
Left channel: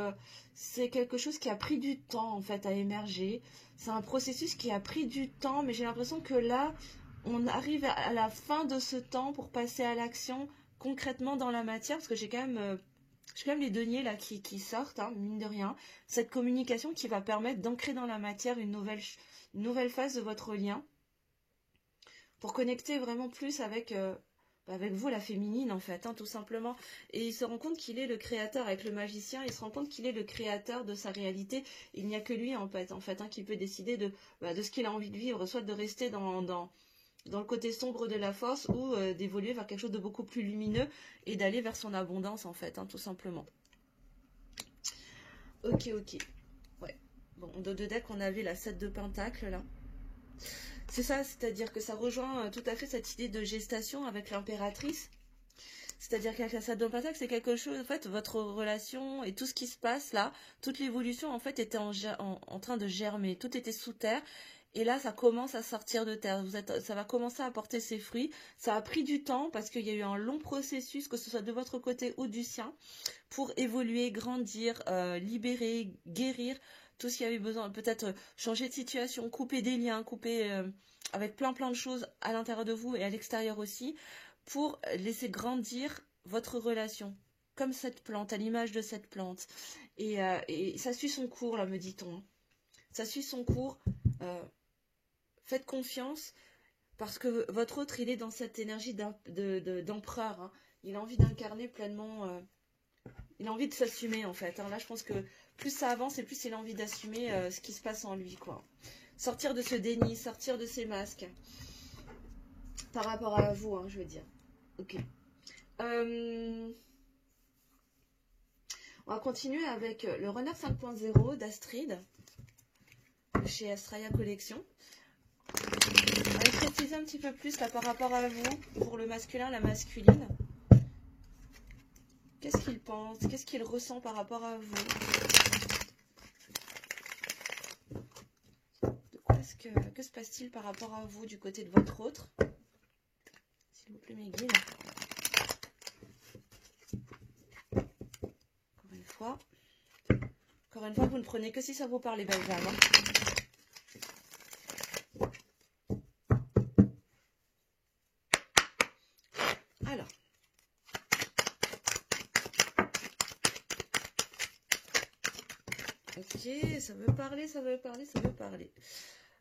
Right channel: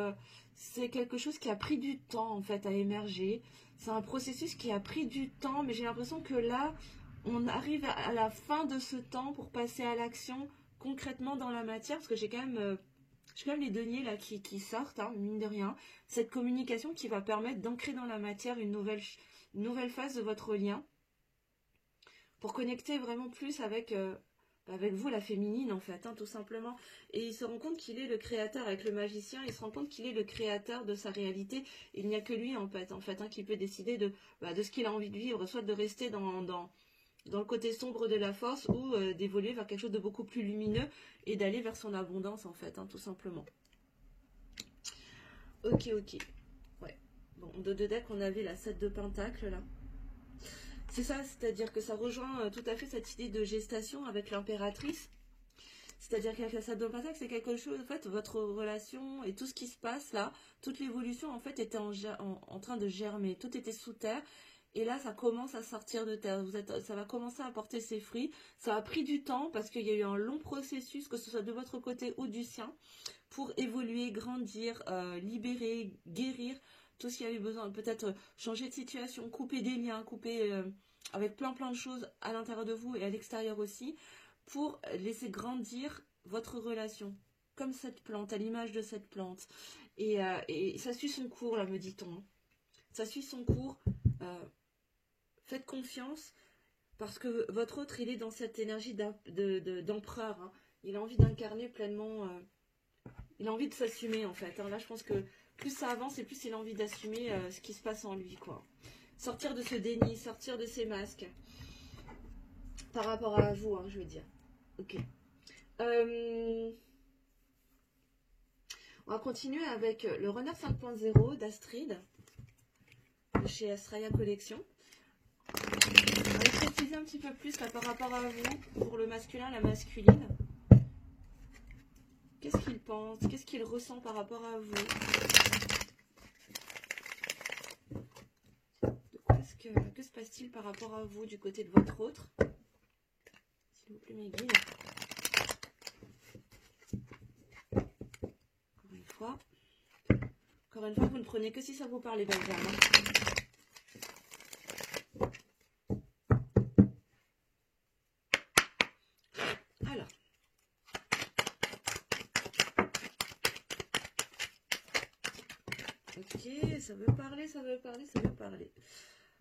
c'est quelque chose qui a pris du temps en fait à émerger. C'est un processus qui a pris du temps, mais j'ai l'impression que là, on arrive à la fin de ce temps pour passer à l'action concrètement dans la matière, parce que j'ai quand même les deniers là qui sortent, hein, mine de rien. Cette communication qui va permettre d'ancrer dans la matière une nouvelle phase de votre lien pour connecter vraiment plus avec vous, la féminine, en fait, hein, tout simplement. Et il se rend compte qu'il est le créateur, avec le magicien, il se rend compte qu'il est le créateur de sa réalité. Il n'y a que lui, en fait hein, qui peut décider de ce qu'il a envie de vivre, soit de rester dans le côté sombre de la force, ou d'évoluer vers quelque chose de beaucoup plus lumineux, et d'aller vers son abondance, en fait, hein, tout simplement. Ok. Ouais. Bon, de deck, on avait la 7 de pentacle, là. C'est ça, c'est-à-dire que ça rejoint tout à fait cette idée de gestation avec l'impératrice. C'est-à-dire qu'avec la 7 de pentacle, c'est quelque chose, en fait, votre relation et tout ce qui se passe là, toute l'évolution, en fait, était en train de germer. Tout était sous terre. Et là, ça commence à sortir de terre. Ça va commencer à porter ses fruits. Ça a pris du temps parce qu'il y a eu un long processus, que ce soit de votre côté ou du sien, pour évoluer, grandir, libérer, guérir. Tout ce qui avait besoin, peut-être changer de situation, couper des liens, couper avec plein de choses à l'intérieur de vous et à l'extérieur aussi, pour laisser grandir votre relation, comme cette plante, à l'image de cette plante. Et ça suit son cours, là, me dit-on. Ça suit son cours. Faites confiance, parce que votre autre, il est dans cette énergie d'empereur. Hein. Il a envie d'incarner pleinement... il a envie de s'assumer, en fait. Hein. Là, je pense que plus ça avance et plus il a envie d'assumer ce qui se passe en lui, quoi. Sortir de ce déni, sortir de ces masques. Par rapport à vous, hein, je veux dire. Ok. On va continuer avec le Runner 5.0 d'Astrid, de chez Astraya Collection. On va préciser un petit peu plus là, par rapport à vous, pour le masculin, la masculine. Qu'est-ce qu'il pense? Qu'est-ce qu'il ressent par rapport à vous? Que se passe-t-il par rapport à vous du côté de votre autre? S'il vous plaît, mes guides. Encore une fois, vous ne prenez que si ça vous parle, les belles âmes. Alors. Ok, ça veut parler.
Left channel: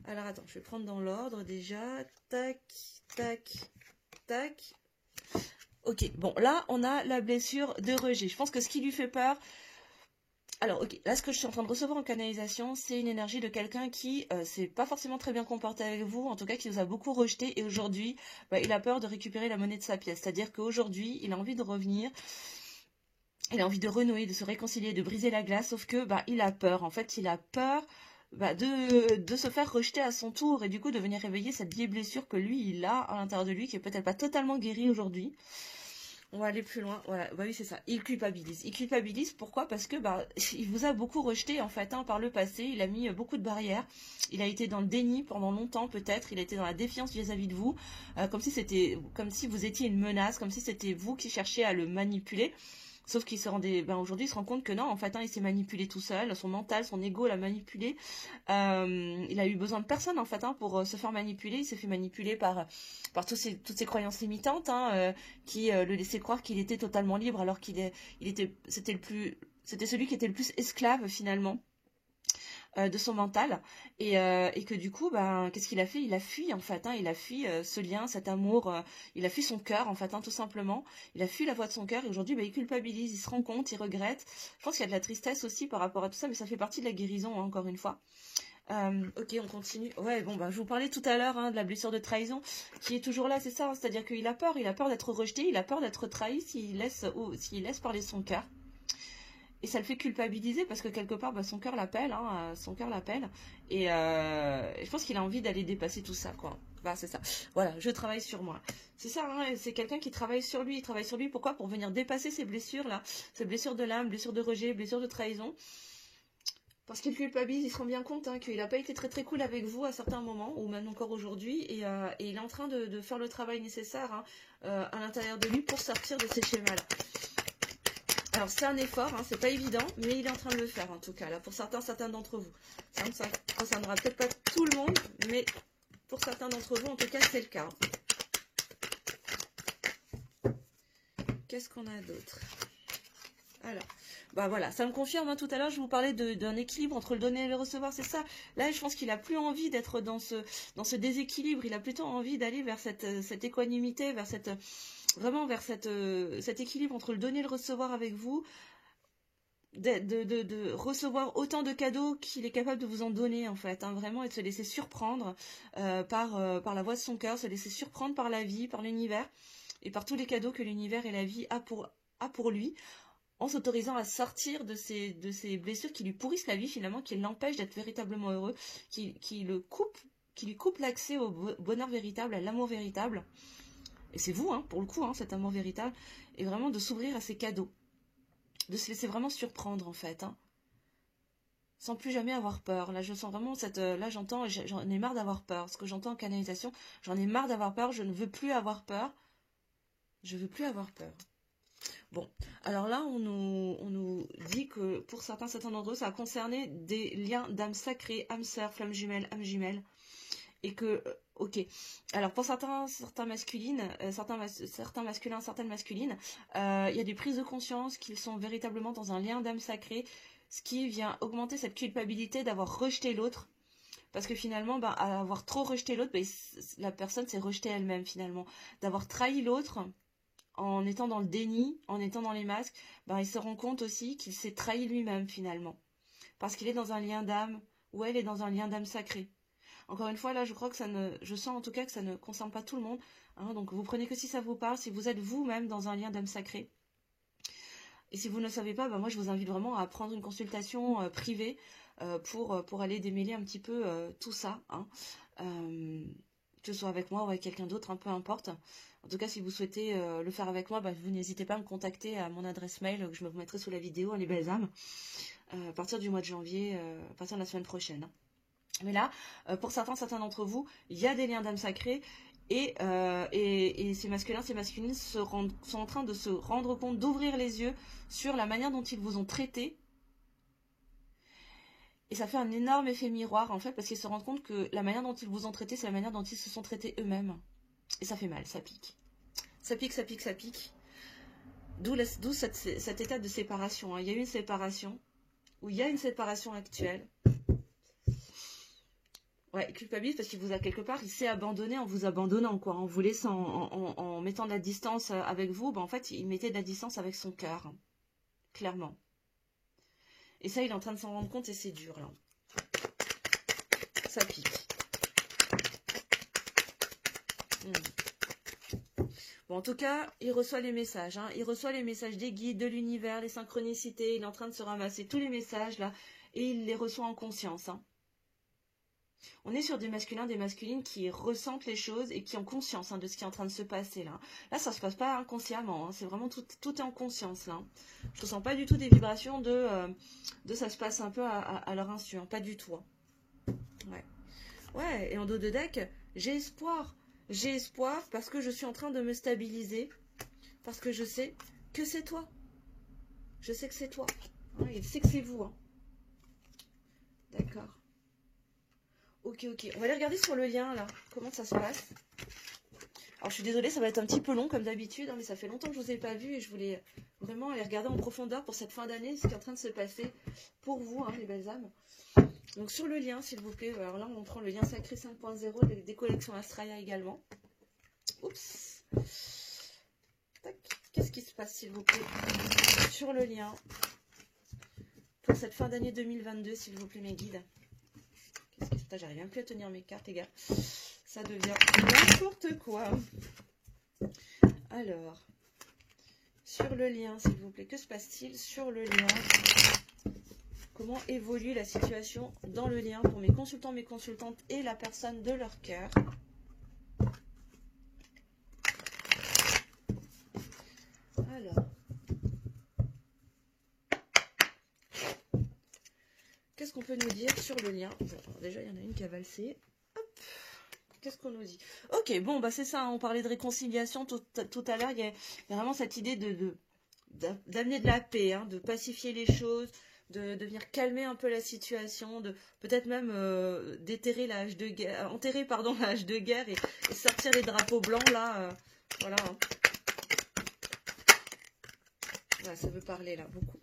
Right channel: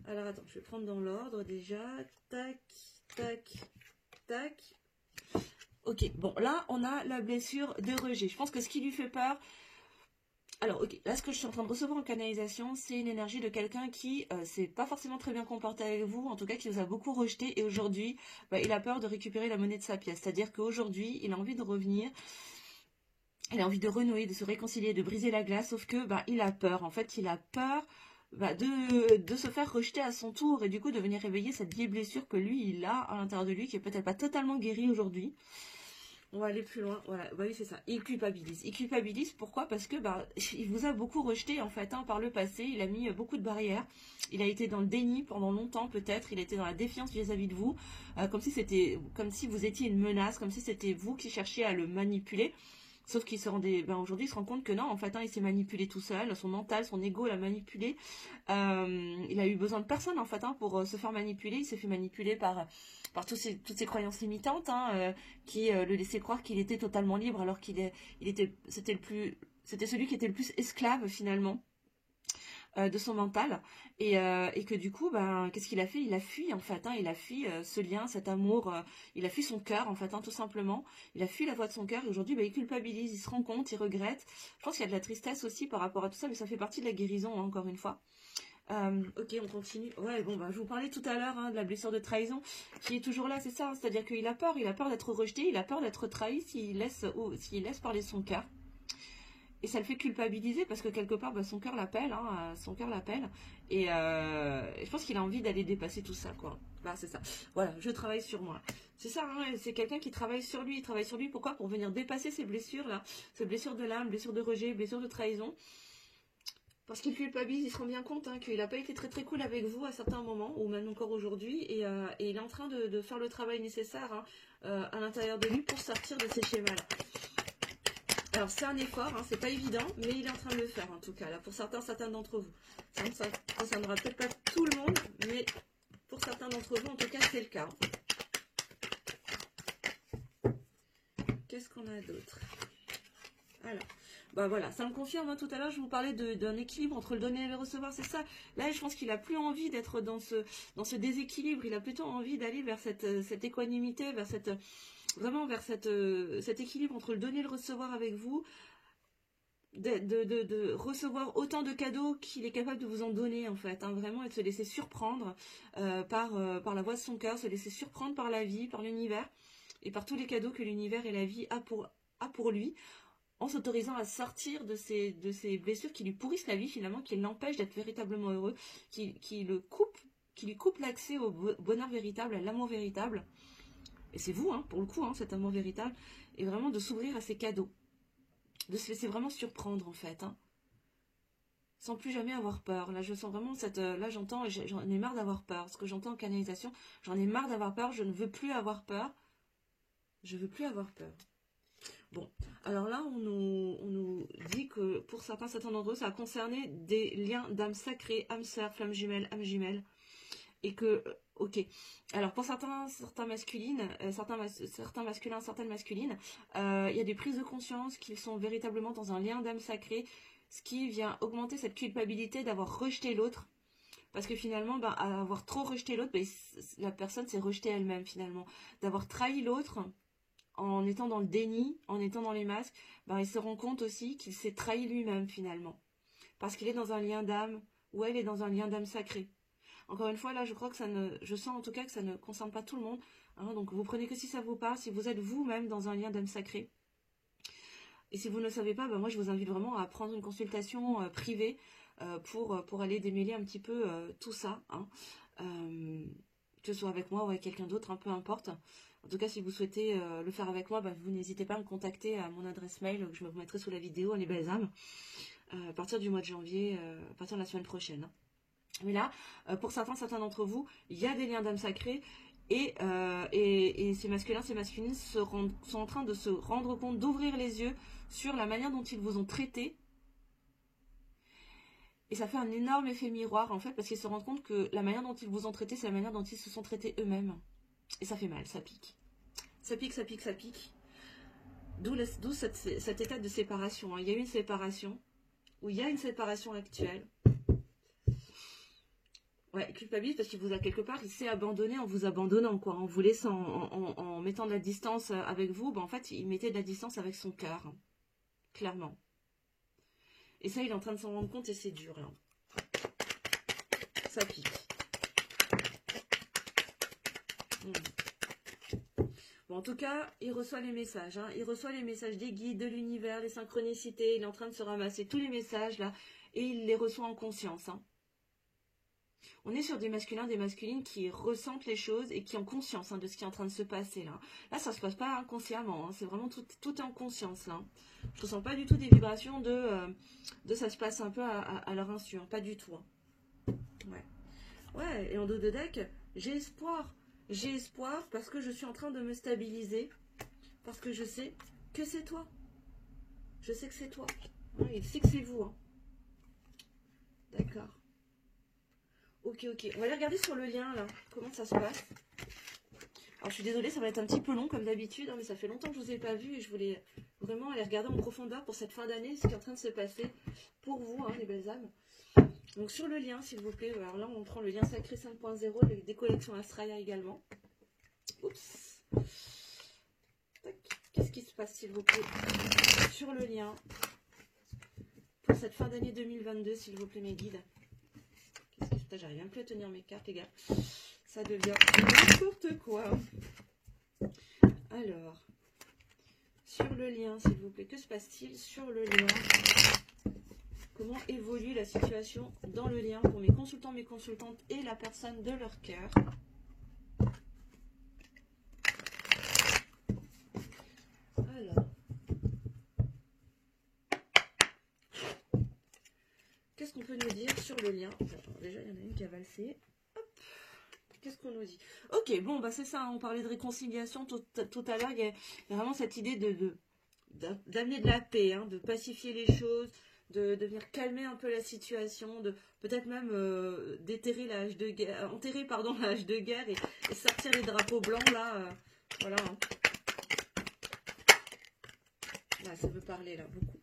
Alors, attends, je vais prendre dans l'ordre déjà. Tac. Ok, bon, là, on a la blessure de rejet. Je pense que ce qui lui fait peur... Alors, ok, là, ce que je suis en train de recevoir en canalisation, c'est une énergie de quelqu'un qui s'est pas forcément très bien comporté avec vous, en tout cas qui vous a beaucoup rejeté, et aujourd'hui, bah, il a peur de récupérer la monnaie de sa pièce. C'est-à-dire qu'aujourd'hui, il a envie de revenir, il a envie de renouer, de se réconcilier, de briser la glace, sauf que bah, il a peur. En fait, il a peur bah, de se faire rejeter à son tour, et du coup de venir réveiller cette vieille blessure que lui, il a à l'intérieur de lui, qui est peut-être pas totalement guérie aujourd'hui. On va aller plus loin. Voilà, bah oui, c'est ça. Il culpabilise. Il culpabilise, pourquoi? Parce que bah, il vous a beaucoup rejeté en fait, hein, par le passé. Il a mis beaucoup de barrières. Il a été dans le déni pendant longtemps, peut-être. Il a été dans la défiance vis-à-vis de vous, comme si vous étiez une menace, comme si c'était vous qui cherchiez à le manipuler. Sauf qu'il se rendait, ben aujourd'hui, il se rend compte que non, en fait, hein, il s'est manipulé tout seul. Son mental, son ego l'a manipulé. Il a eu besoin de personne, en fait, hein, pour se faire manipuler. Il s'est fait manipuler par toutes ces croyances limitantes, hein, qui le laissaient croire qu'il était totalement libre, alors c'était celui qui était le plus esclave finalement de son mental, et que du coup ben qu'est-ce qu'il a fait? Il a fui en fait, hein, il a fui ce lien, cet amour, il a fui son cœur en fait, hein, tout simplement. Il a fui la voix de son cœur, et aujourd'hui ben, il culpabilise, il se rend compte, il regrette. Je pense qu'il y a de la tristesse aussi par rapport à tout ça, mais ça fait partie de la guérison, hein, encore une fois. Ok, on continue. Ouais, bon, bah, je vous parlais tout à l'heure, hein, de la blessure de trahison qui est toujours là, c'est ça, hein, c'est-à-dire qu'il a peur d'être rejeté, il a peur d'être trahi s'il laisse parler son cœur. Et ça le fait culpabiliser parce que quelque part, bah, son cœur l'appelle, hein, son cœur l'appelle. Et je pense qu'il a envie d'aller dépasser tout ça, quoi. Bah, c'est ça. Voilà, je travaille sur moi. C'est ça, hein, c'est quelqu'un qui travaille sur lui. Il travaille sur lui, pourquoi? Pour venir dépasser ces blessures-là. Ces blessures de l'âme, blessures de rejet, blessures de trahison. Parce qu'il culpabilise, il se rend bien compte, hein, qu'il n'a pas été très très cool avec vous à certains moments, ou même encore aujourd'hui, et il est en train de faire le travail nécessaire, hein, à l'intérieur de lui pour sortir de ces schémas-là. Alors c'est un effort, hein, c'est pas évident, mais il est en train de le faire en tout cas, là, pour certains d'entre vous. Ça ne concernera peut-être pas tout le monde, mais pour certains d'entre vous, en tout cas, c'est le cas. Qu'est-ce qu'on a d'autre? Voilà. Bah voilà, ça me confirme, hein, tout à l'heure je vous parlais d'un équilibre entre le donner et le recevoir, c'est ça. Là je pense qu'il a plus envie d'être dans ce déséquilibre, il a plutôt envie d'aller vers cette équanimité, vers vraiment vers cet équilibre entre le donner et le recevoir avec vous, de recevoir autant de cadeaux qu'il est capable de vous en donner en fait, hein, vraiment, et de se laisser surprendre par la voix de son cœur, se laisser surprendre par la vie, par l'univers, et par tous les cadeaux que l'univers et la vie a pour lui, en s'autorisant à sortir de ces blessures qui lui pourrissent la vie finalement, qui l'empêchent d'être véritablement heureux, qui lui coupe l'accès au bonheur véritable, à l'amour véritable. Et c'est vous, hein, pour le coup, hein, cet amour véritable, et vraiment de s'ouvrir à ces cadeaux, de se laisser vraiment surprendre en fait, hein, sans plus jamais avoir peur. Là je sens vraiment là j'entends, j'en ai marre d'avoir peur, ce que j'entends en canalisation, j'en ai marre d'avoir peur, je ne veux plus avoir peur, je veux plus avoir peur. Bon, alors là, on nous dit que pour certains d'entre eux, ça a concerné des liens d'âme sacrée, âme sœur, flamme jumelle, âme jumelle. Et que, ok, alors pour certains masculines, certains masculins, certaines masculines, il y a des prises de conscience qu'ils sont véritablement dans un lien d'âme sacrée, ce qui vient augmenter cette culpabilité d'avoir rejeté l'autre. Parce que finalement, ben, à avoir trop rejeté l'autre, ben, la personne s'est rejetée elle-même finalement. D'avoir trahi l'autre, en étant dans le déni, en étant dans les masques, ben, il se rend compte aussi qu'il s'est trahi lui-même finalement. Parce qu'il est dans un lien d'âme, ou elle est dans un lien d'âme sacrée. Encore une fois, là, je crois que je sens en tout cas que ça ne concerne pas tout le monde. Hein, donc vous prenez que si ça vous parle, si vous êtes vous-même dans un lien d'âme sacrée. Et si vous ne le savez pas, ben, moi je vous invite vraiment à prendre une consultation privée pour aller démêler un petit peu tout ça. Hein. Que ce soit avec moi ou avec quelqu'un d'autre, hein, peu importe. En tout cas, si vous souhaitez le faire avec moi, vous n'hésitez pas à me contacter à mon adresse mail que je me mettrai sous la vidéo, les belles âmes, à partir du mois de janvier, à partir de la semaine prochaine. Mais là, pour certains d'entre vous, il y a des liens d'âme sacrés, et ces masculins, ces masculines sont en train de se rendre compte, d'ouvrir les yeux sur la manière dont ils vous ont traité. Et ça fait un énorme effet miroir, en fait, parce qu'ils se rendent compte que la manière dont ils vous ont traité, c'est la manière dont ils se sont traités eux-mêmes. Et ça fait mal, ça pique. Ça pique, ça pique, ça pique. D'où cet état de séparation. Hein. Il y a eu une séparation, ou il y a une séparation actuelle. Ouais, culpabilise parce qu'il vous a quelque part, il s'est abandonné en vous abandonnant, quoi, en vous laissant, en mettant de la distance avec vous. Ben, en fait, il mettait de la distance avec son cœur, hein, clairement. Et ça, il est en train de s'en rendre compte et c'est dur, là. Ça pique. Bon, en tout cas, il reçoit les messages. Hein. Il reçoit les messages des guides, de l'univers, les synchronicités. Il est en train de se ramasser tous les messages, là. Et il les reçoit en conscience. Hein. On est sur des masculins, des masculines qui ressentent les choses et qui ont conscience de ce qui est en train de se passer, là. Là, ça ne se passe pas inconsciemment. Hein. C'est vraiment tout est en conscience, là. Je ne sens pas du tout des vibrations de ça se passe un peu à leur insu. Hein. Pas du tout. Hein. Ouais. Ouais, et en dos de deck, j'ai espoir. J'ai espoir parce que je suis en train de me stabiliser. Parce que je sais que c'est toi. Je sais que c'est toi. Hein, il sait que c'est vous. Hein. D'accord. Ok. On va aller regarder sur le lien, là. Comment ça se passe. Alors, je suis désolée, ça va être un petit peu long, comme d'habitude. Hein, mais ça fait longtemps que je ne vous ai pas vu. Et je voulais vraiment aller regarder en profondeur pour cette fin d'année. Ce qui est en train de se passer pour vous, hein, les belles âmes. Donc sur le lien, s'il vous plaît, alors là on prend le lien sacré 5.0 des collections Astraya également. Oups. Qu'est-ce qui se passe, s'il vous plaît, sur le lien pour cette fin d'année 2022, s'il vous plaît, mes guides. Qu'est-ce qui se passe? J'arrive même plus à tenir mes cartes, les gars. Ça devient n'importe quoi. Alors, sur le lien, s'il vous plaît, que se passe-t-il sur le lien? Comment évolue la situation dans le lien pour mes consultants, mes consultantes et la personne de leur cœur. Alors, qu'est-ce qu'on peut nous dire sur le lien? Déjà, il y en a une qui a valsé. Qu'est-ce qu'on nous dit? Ok, bon, bah c'est ça, hein, on parlait de réconciliation tout à l'heure. Il y a vraiment cette idée d'amener de la paix, hein, de pacifier les choses, de venir calmer un peu la situation, de peut-être même déterrer la hache de guerre, enterrer pardon la hache de guerre et sortir les drapeaux blancs là, voilà. Hein. Là, ça veut parler là beaucoup.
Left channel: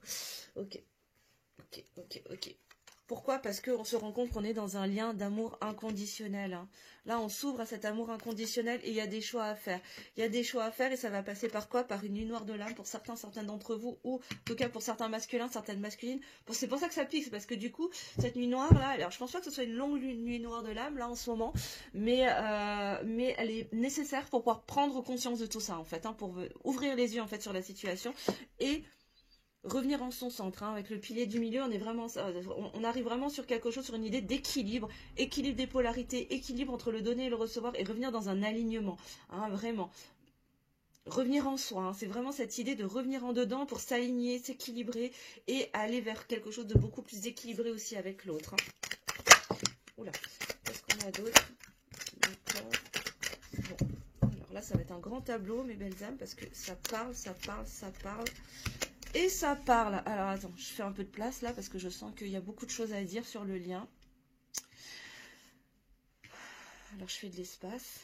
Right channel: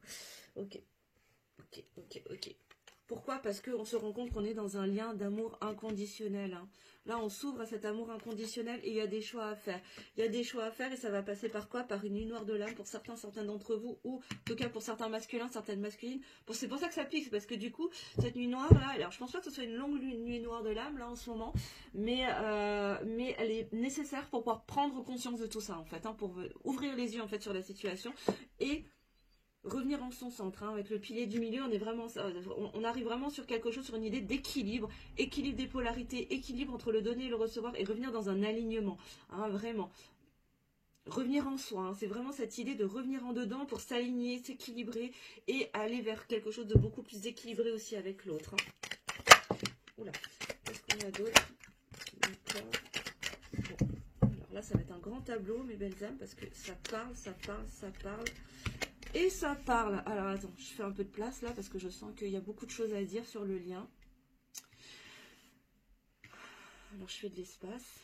Ok. Pourquoi? Parce qu'on se rend compte qu'on est dans un lien d'amour inconditionnel. Hein. Là, on s'ouvre à cet amour inconditionnel et il y a des choix à faire. Il y a des choix à faire et ça va passer par quoi? Par une nuit noire de l'âme pour certains d'entre vous ou en tout cas pour certains masculins, certaines masculines. C'est pour ça que ça pique, parce que du coup, cette nuit noire là, alors je pense pas que ce soit une longue nuit noire de l'âme là en ce moment, mais elle est nécessaire pour pouvoir prendre conscience de tout ça en fait, hein, pour ouvrir les yeux en fait sur la situation et revenir en son centre, hein, avec le pilier du milieu, on arrive vraiment sur quelque chose, sur une idée d'équilibre, équilibre des polarités, équilibre entre le donner et le recevoir, et revenir dans un alignement, hein, vraiment. Revenir en soi, hein, c'est vraiment cette idée de revenir en dedans pour s'aligner, s'équilibrer, et aller vers quelque chose de beaucoup plus équilibré aussi avec l'autre. Hein. Oula, qu'est-ce qu'on a d'autre? Bon. Alors là, ça va être un grand tableau, mes belles âmes, parce que ça parle. Et ça parle. Alors attends, je fais un peu de place là parce que je sens qu'il y a beaucoup de choses à dire sur le lien. Alors je fais de l'espace.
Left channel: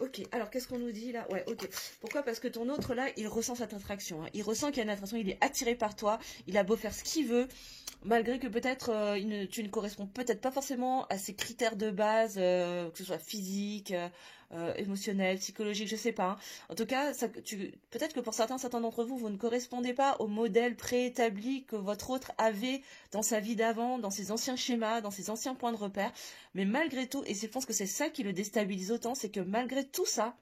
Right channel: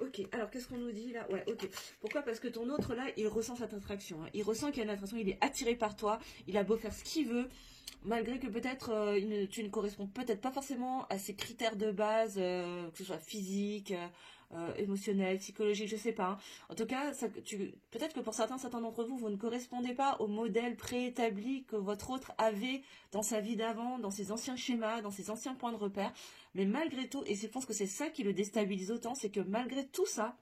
Ok, alors qu'est-ce qu'on nous dit là? Ouais, ok. Pourquoi? Parce que ton autre là, il ressent cette attraction. Hein. Il ressent qu'il y a une attraction, il est attiré par toi. Il a beau faire ce qu'il veut, malgré que peut-être tu ne corresponds peut-être pas forcément à ses critères de base, que ce soit physique, émotionnel, psychologique, je sais pas. Hein. En tout cas, peut-être que pour certains d'entre vous, vous ne correspondez pas au modèle préétabli que votre autre avait dans sa vie d'avant, dans ses anciens schémas, dans ses anciens points de repère. Mais malgré tout, et je pense que c'est ça qui le déstabilise autant, c'est que malgré tout ça,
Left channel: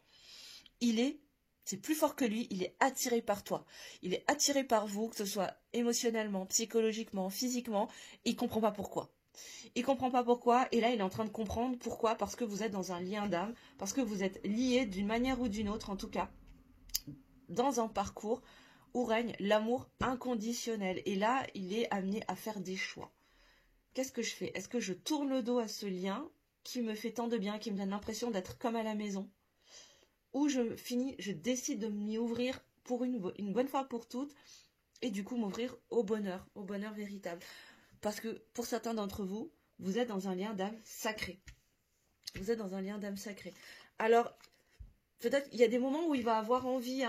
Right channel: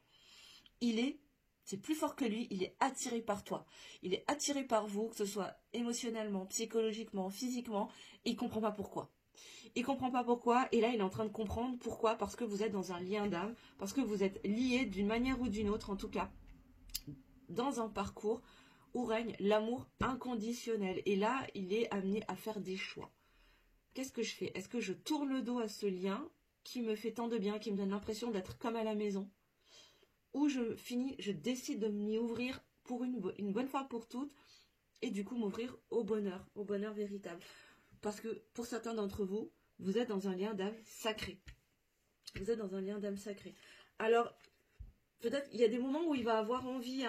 c'est plus fort que lui, il est attiré par toi. Il est attiré par vous, que ce soit émotionnellement, psychologiquement, physiquement, et il ne comprend pas pourquoi. Il ne comprend pas pourquoi, et là il est en train de comprendre pourquoi, parce que vous êtes dans un lien d'âme, parce que vous êtes liés d'une manière ou d'une autre, en tout cas, dans un parcours où règne l'amour inconditionnel. Et là, il est amené à faire des choix. Qu'est-ce que je fais? Est-ce que je tourne le dos à ce lien qui me fait tant de bien, qui me donne l'impression d'être comme à la maison? Ou je décide de m'y ouvrir pour une bonne fois pour toutes, et du coup m'ouvrir au bonheur véritable. Parce que pour certains d'entre vous, vous êtes dans un lien d'âme sacré. Vous êtes dans un lien d'âme sacré. Alors, peut-être il y a des moments où il va avoir envie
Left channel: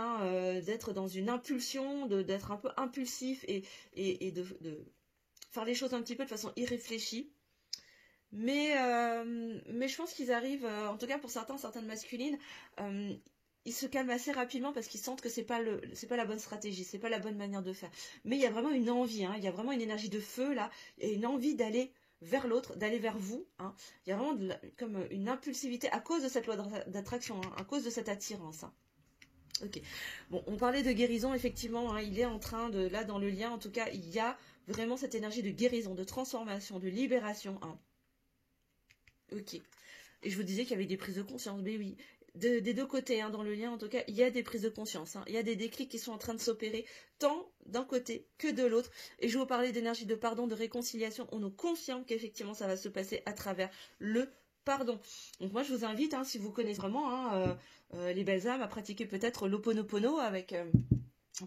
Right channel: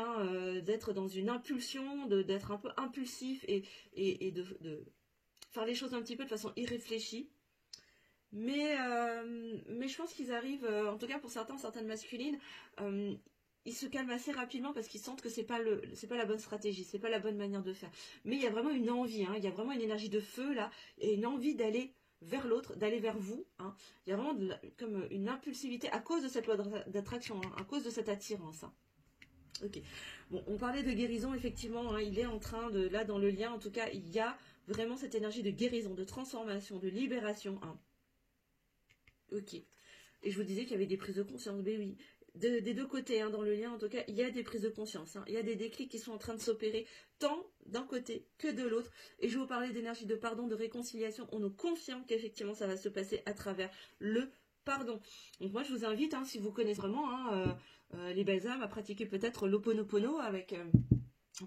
d'être dans une impulsion, d'être un peu impulsif et de faire les choses un petit peu de façon irréfléchie. Mais je pense qu'ils arrivent, en tout cas pour certaines masculines, ils se calment assez rapidement parce qu'ils sentent que c'est pas la bonne stratégie, c'est pas la bonne manière de faire. Mais il y a vraiment une envie, hein, il y a vraiment une énergie de feu là, et une envie d'aller vers l'autre, d'aller vers vous. Hein. Il y a vraiment comme une impulsivité à cause de cette loi d'attraction, hein, à cause de cette attirance. Hein. Ok. Bon, on parlait de guérison, effectivement, hein, il est en train de, là dans le lien, en tout cas, il y a vraiment cette énergie de guérison, de transformation, de libération. Hein. Ok. Et je vous disais qu'il y avait des prises de conscience, mais oui. Des deux côtés, hein, dans le lien, en tout cas, il y a des prises de conscience. Hein. Il y a des déclics qui sont en train de s'opérer, tant d'un côté que de l'autre. Et je vous parlais d'énergie de pardon, de réconciliation. On nous confirme qu'effectivement, ça va se passer à travers le pardon. Donc moi, je vous invite, hein, si vous connaissez vraiment hein, les belles âmes, à pratiquer peut-être l'Ho'oponopono avec...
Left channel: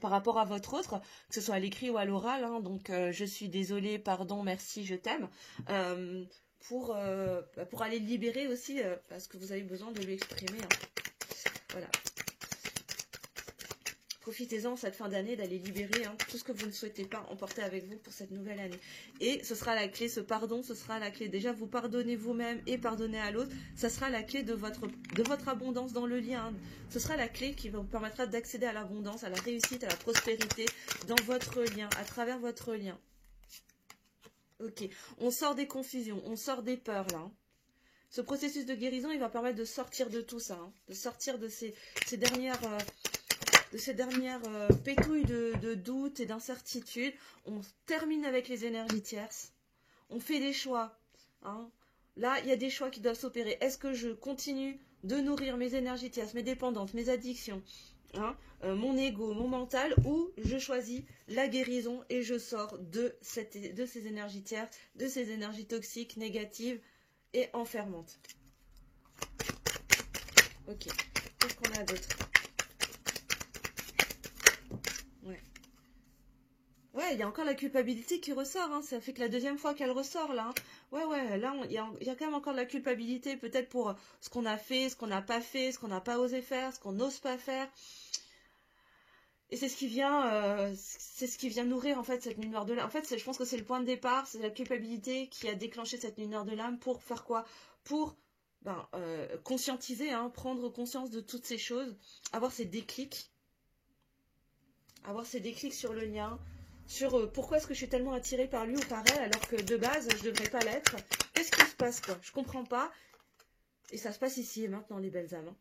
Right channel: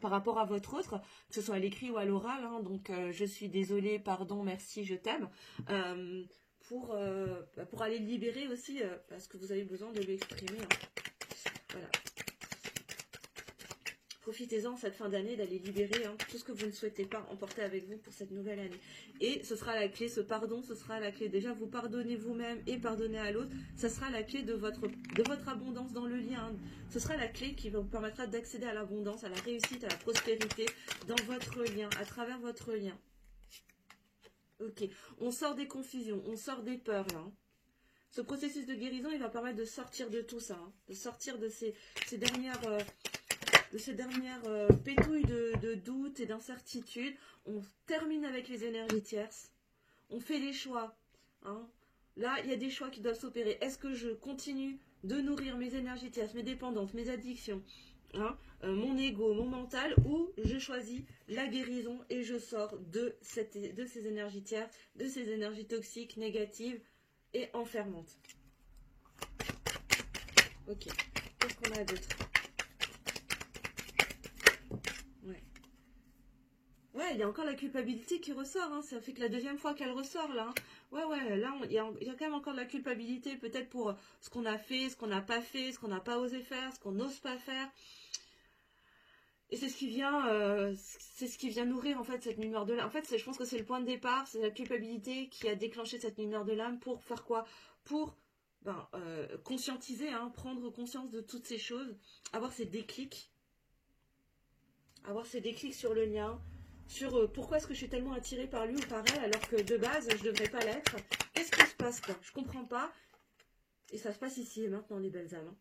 par rapport à votre autre, que ce soit à l'écrit ou à l'oral. Hein. Donc, je suis désolée, pardon, merci, je t'aime. Pour aller libérer aussi, parce que vous avez besoin de l'exprimer. Hein. Voilà. Profitez-en cette fin d'année d'aller libérer hein, tout ce que vous ne souhaitez pas emporter avec vous pour cette nouvelle année. Et ce sera la clé, ce pardon, ce sera la clé. Déjà, vous pardonnez vous-même et pardonnez à l'autre. Ça sera la clé de votre abondance dans le lien. Hein. Ce sera la clé qui vous permettra d'accéder à l'abondance, à la réussite, à la prospérité dans votre lien, à travers votre lien. Ok, on sort des confusions, on sort des peurs là. Hein. Ce processus de guérison, il va permettre de sortir de tout ça, hein, de sortir de ces dernières pétouilles de doutes et d'incertitudes. On termine avec les énergies tierces. On fait des choix. Hein. Là, il y a des choix qui doivent s'opérer. Est-ce que je continue de nourrir mes énergies tierces, mes dépendances, mes addictions, hein, mon ego, mon mental, ou je choisis la guérison et je sors de ces énergies tierces, de ces énergies toxiques, négatives et enfermantes. Ok, qu'est-ce qu'on a d'autre? Ouais, il y a encore la culpabilité qui ressort, hein. Ça fait que la deuxième fois qu'elle ressort, là. Hein. Ouais, là, il y a quand même encore de la culpabilité, peut-être pour ce qu'on a fait, ce qu'on n'a pas fait, ce qu'on n'a pas osé faire, ce qu'on n'ose pas faire. Et c'est ce qui vient nourrir, en fait, cette nuit noire de l'âme. En fait, je pense que c'est le point de départ, c'est la culpabilité qui a déclenché cette nuit noire de l'âme pour faire quoi? Pour conscientiser, hein, prendre conscience de toutes ces choses, avoir ces déclics sur le lien, sur pourquoi est-ce que je suis tellement attirée par lui ou par elle alors que de base je ne devrais pas l'être. Qu'est-ce qui se passe quoi? Je comprends pas. Et ça se passe ici et maintenant les belles âmes. Hein.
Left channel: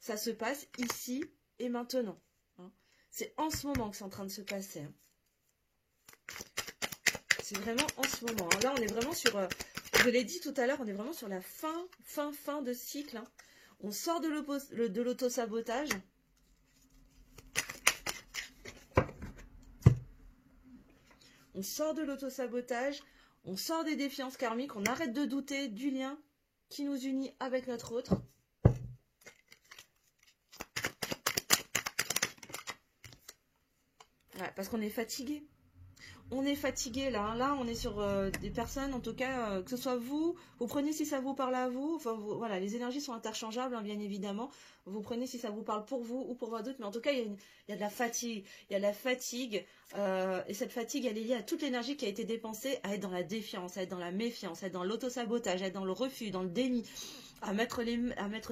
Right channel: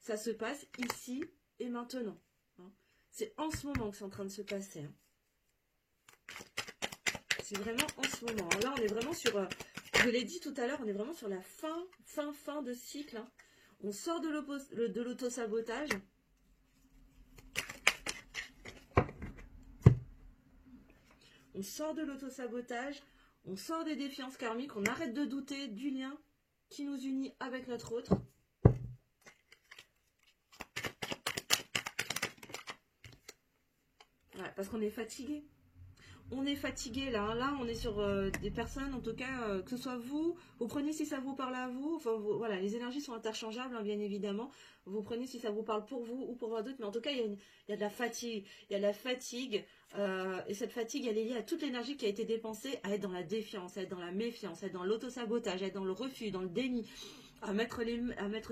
Ça se passe ici et maintenant. Hein. C'est en ce moment que c'est en train de se passer. Hein. C'est vraiment en ce moment. Hein. Là on est vraiment sur, je l'ai dit tout à l'heure, on est vraiment sur la fin de cycle. Hein. On sort de l'auto-sabotage. On sort de l'auto-sabotage, on sort des défiances karmiques, on arrête de douter du lien qui nous unit avec notre autre. Ouais, parce qu'on est fatigué. On est fatigué là. Hein. Là, on est sur des personnes, en tout cas, que ce soit vous prenez si ça vous parle à vous. Enfin, voilà, les énergies sont interchangeables, hein, bien évidemment. Vous prenez si ça vous parle pour vous ou pour d'autres. Mais en tout cas, il y a de la fatigue. Il y a de la fatigue. Et cette fatigue, elle est liée à toute l'énergie qui a été dépensée à être dans la défiance, à être dans la méfiance, à être dans l'auto-sabotage, à être dans le refus, dans le déni. À mettre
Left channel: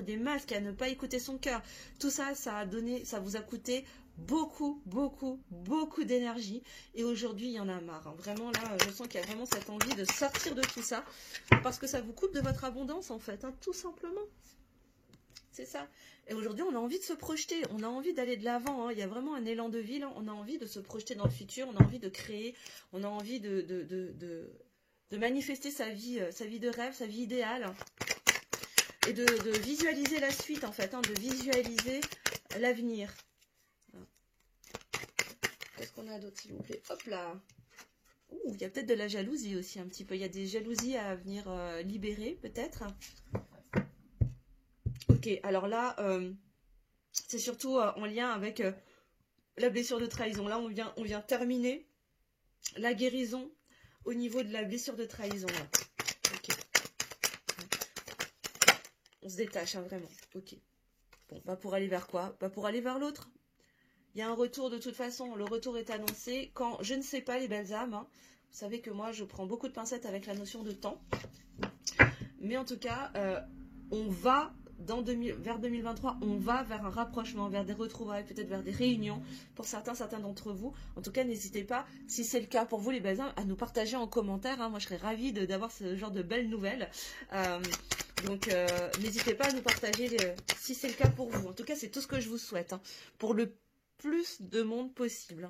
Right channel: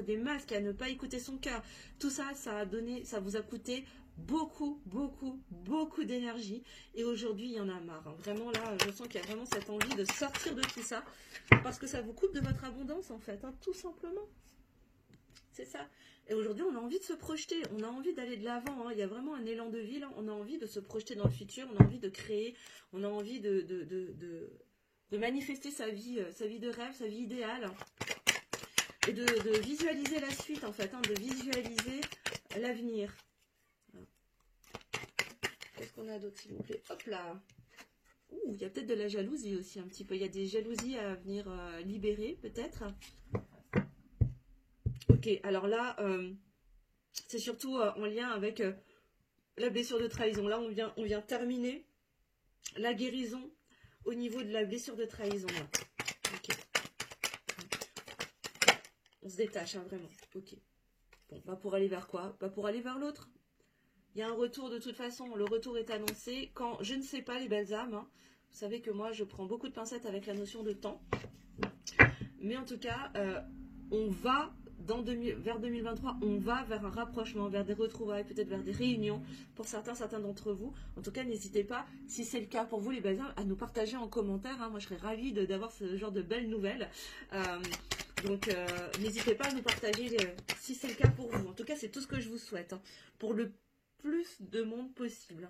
des masques, à ne pas écouter son cœur. Tout ça, ça vous a coûté beaucoup d'énergie. Et aujourd'hui, il y en a marre. Hein. Vraiment, là, je sens qu'il y a vraiment cette envie de sortir de tout ça. Parce que ça vous coupe de votre abondance, en fait. Hein, tout simplement. C'est ça. Et aujourd'hui, on a envie de se projeter. On a envie d'aller de l'avant. Hein. Il y a vraiment un élan de vie. Là. On a envie de se projeter dans le futur. On a envie de créer. On a envie de manifester sa vie de rêve, sa vie idéale. Et de visualiser la suite, en fait, hein, de visualiser l'avenir. Qu'est-ce qu'on a d'autre, s'il vous plaît? Hop là. Ouh, il y a peut-être de la jalousie aussi, un petit peu. Il y a des jalousies à venir libérer, peut-être. Ok, alors là, c'est surtout en lien avec la blessure de trahison. Là, on vient terminer la guérison au niveau de la blessure de trahison. Là. Ok. On se détache, hein, vraiment. Ok. Bon, bah pour aller vers quoi? Bah pour aller vers l'autre. Il y a un retour de toute façon. Le retour est annoncé. Quand je ne sais pas, les belles âmes, hein, vous savez que moi, je prends beaucoup de pincettes avec la notion de temps. Mais en tout cas, on va vers 2023, on va vers un rapprochement, vers des retrouvailles, peut-être vers des réunions pour certains d'entre vous. En tout cas, n'hésitez pas, si c'est le cas pour vous les bazins, à nous partager en commentaire. Hein. Moi, je serais ravie d'avoir ce genre de belles nouvelles. Donc, n'hésitez pas à nous partager si c'est le cas pour vous. En tout cas, c'est tout ce que je vous souhaite, hein, pour le plus de monde possible.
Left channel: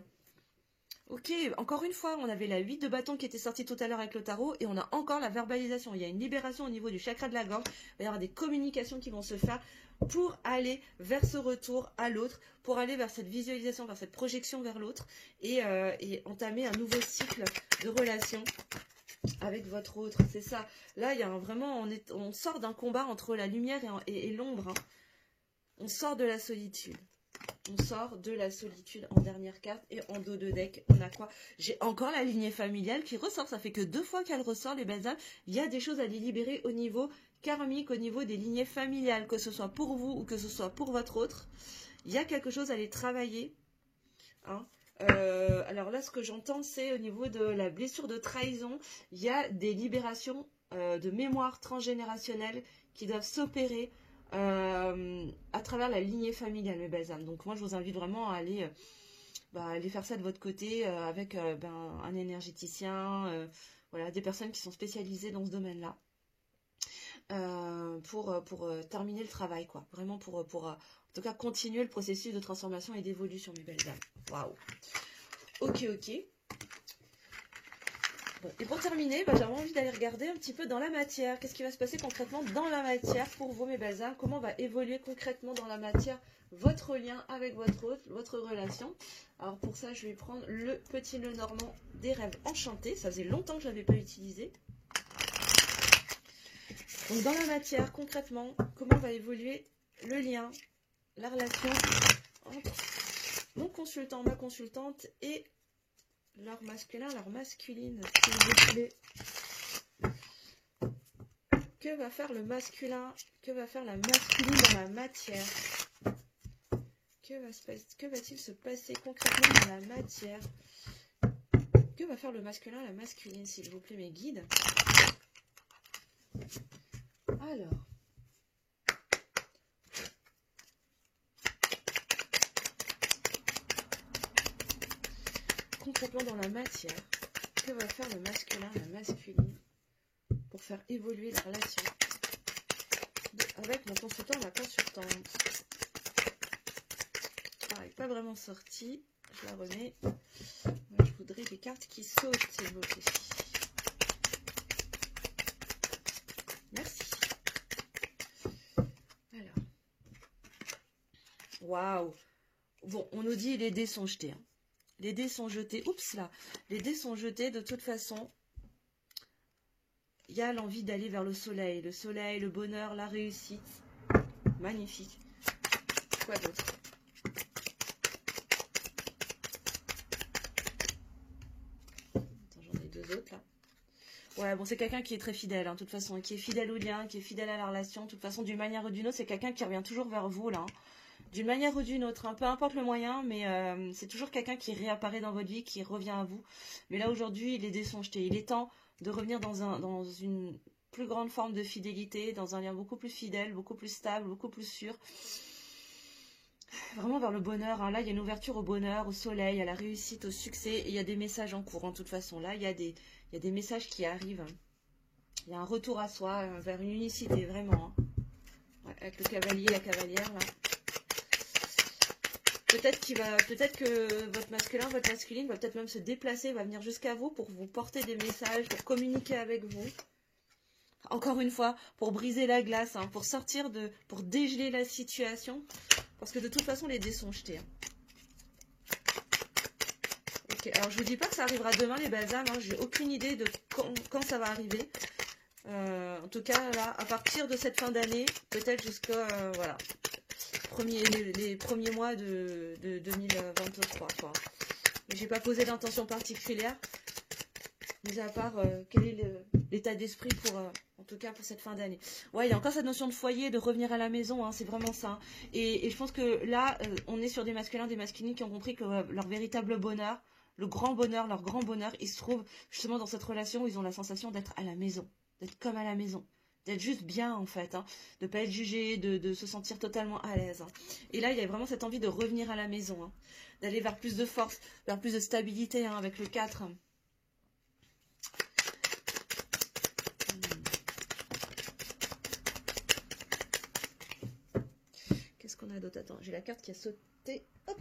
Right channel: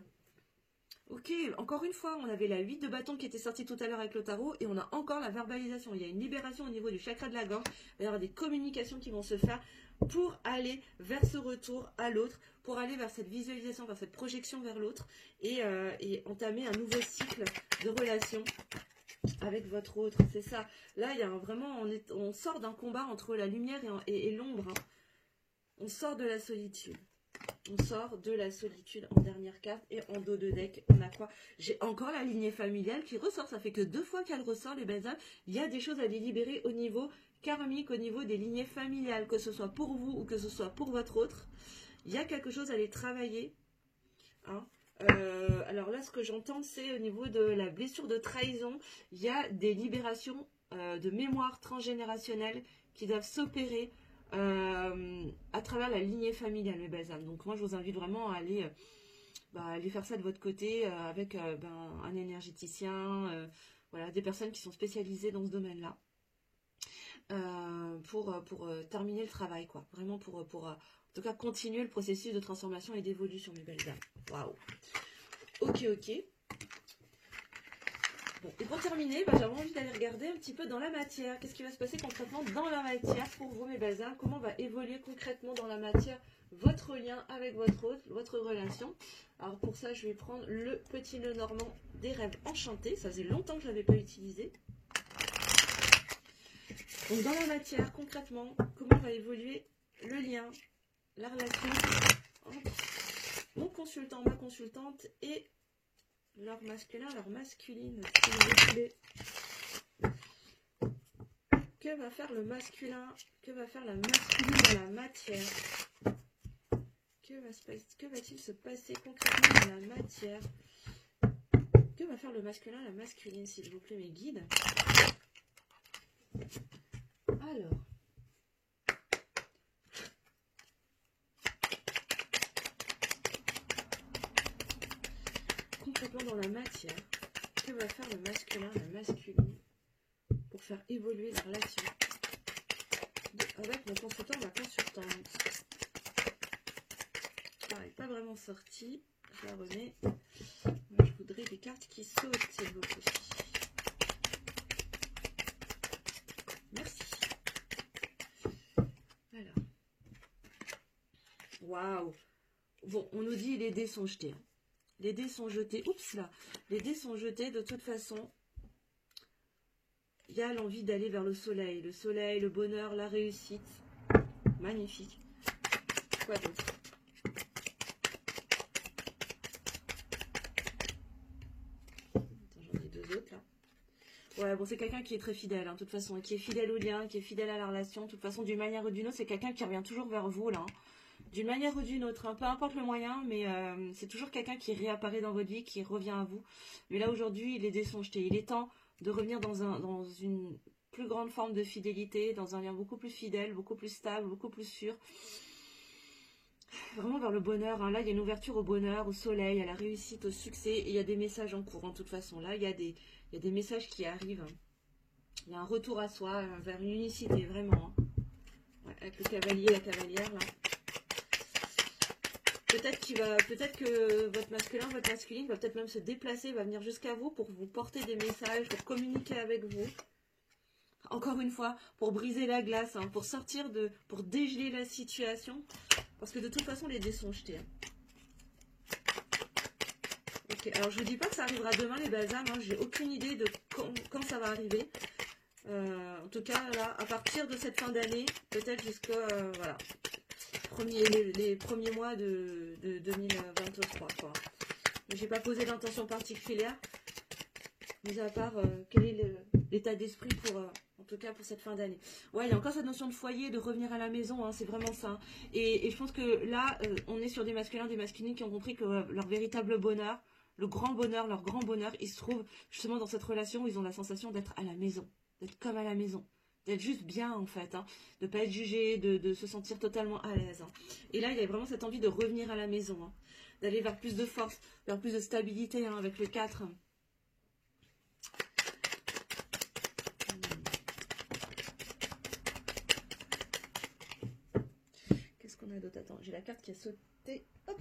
Ok, encore une fois, on avait la 8 de bâton qui était sortie tout à l'heure avec le tarot, et on a encore la verbalisation. Il y a une libération au niveau du chakra de la gorge. Il va y avoir des communications qui vont se faire pour aller vers ce retour à l'autre, pour aller vers cette visualisation, vers cette projection vers l'autre, et entamer un nouveau cycle de relation avec votre autre. C'est ça. Là, il y a vraiment, on sort d'un combat entre la lumière et l'ombre. Hein. On sort de la solitude. On sort de la solitude en dernière carte, et en dos de deck, on a quoi? J'ai encore la lignée familiale qui ressort. Ça fait que 2 fois qu'elle ressort, les belles âmes. Il y a des choses à délibérer au niveau karmique, au niveau des lignées familiales, que ce soit pour vous ou que ce soit pour votre autre. Il y a quelque chose à aller travailler. Hein. Alors là, ce que j'entends, c'est au niveau de la blessure de trahison. Il y a des libérations de mémoire transgénérationnelle qui doivent s'opérer à travers la lignée familiale, mes belles âmes. Donc moi, je vous invite vraiment à aller faire ça de votre côté avec un énergéticien, voilà, des personnes qui sont spécialisées dans ce domaine-là, pour terminer le travail, quoi. Vraiment pour en tout cas continuer le processus de transformation et d'évolution, mes belles âmes. Waouh. Ok. Bon, et pour terminer, j'avais envie d'aller regarder un petit peu dans la matière. Qu'est-ce qui va se passer concrètement dans la matière pour vous, mes belles âmes? Comment va évoluer concrètement dans la matière votre lien avec votre autre, votre relation? Alors pour ça, je vais prendre le petit nœud normand des rêves enchantés. Ça faisait longtemps que je ne l'avais pas utilisé. Donc dans la matière, concrètement, comment va évoluer le lien, la relation entre mon consultant, ma consultante et leur masculin, leur masculine, s'il vous plaît. Que va faire le masculin? Que va faire la masculine dans la matière? Que va-t-il se passer concrètement dans la matière? Que va faire le masculin, la masculine, s'il vous plaît, mes guides? Alors. Concrètement dans la matière, que va faire le masculin, la masculine pour faire évoluer la relation avec mon consultant, ma consultante? Elle n'est pas vraiment sortie, je la remets. Moi, je voudrais des cartes qui sautent, s'il vous plaît. Merci. Alors. Waouh. Bon, on nous dit les dés sont jetés. Hein. Les dés sont jetés. Oups là. Les dés sont jetés de toute façon. Il y a l'envie d'aller vers le soleil. Le soleil, le bonheur, la réussite. Magnifique. Quoi d'autre? J'en ai 2 autres là. Ouais, bon, c'est quelqu'un qui est très fidèle, hein, de toute façon, qui est fidèle au lien, qui est fidèle à la relation. De toute façon, d'une manière ou d'une autre, c'est quelqu'un qui revient toujours vers vous, là. Hein. D'une manière ou d'une autre, hein, peu importe le moyen, mais c'est toujours quelqu'un qui réapparaît dans votre vie, qui revient à vous. Mais là, aujourd'hui, les dés sont jetés. Il est temps de revenir dans une plus grande forme de fidélité, dans un lien beaucoup plus fidèle, beaucoup plus stable, beaucoup plus sûr. Vraiment vers le bonheur. Hein. Là, il y a une ouverture au bonheur, au soleil, à la réussite, au succès. Et il y a des messages en cours, de toute façon. Là, il y a des messages qui arrivent. Il y a un retour à soi, vers une unicité, vraiment. Hein. Ouais, avec le cavalier et la cavalière, là. Peut-être que votre masculin, votre masculine va peut-être même se déplacer, va venir jusqu'à vous pour vous porter des messages, pour communiquer avec vous. Encore une fois, pour briser la glace, hein, pour dégeler la situation. Parce que de toute façon, les dés sont jetés. Hein. Ok, alors je ne dis pas que ça arrivera demain, les belles âmes. Hein, j'ai aucune idée de quand ça va arriver. En tout cas, là, à partir de cette fin d'année, peut-être jusqu'à voilà, les premiers mois de 2023. Quoi. Mais j'ai pas posé d'intention particulière, mis à part quel est l'état d'esprit pour, en tout cas pour cette fin d'année. Ouais, il y a encore cette notion de foyer, de revenir à la maison, hein, c'est vraiment ça. Hein. Et je pense que là, on est sur des masculins, des masculines qui ont compris que leur véritable bonheur, le grand bonheur, leur grand bonheur, il se trouve justement dans cette relation où ils ont la sensation d'être à la maison, d'être comme à la maison. d'être juste bien en fait, hein, de ne pas être jugé, de se sentir totalement à l'aise. Hein. Et là, il y a vraiment cette envie de revenir à la maison, hein, d'aller vers plus de force, vers plus de stabilité hein, avec le 4. Qu'est-ce qu'on a d'autre? Attends, j'ai la carte qui a sauté. Hop.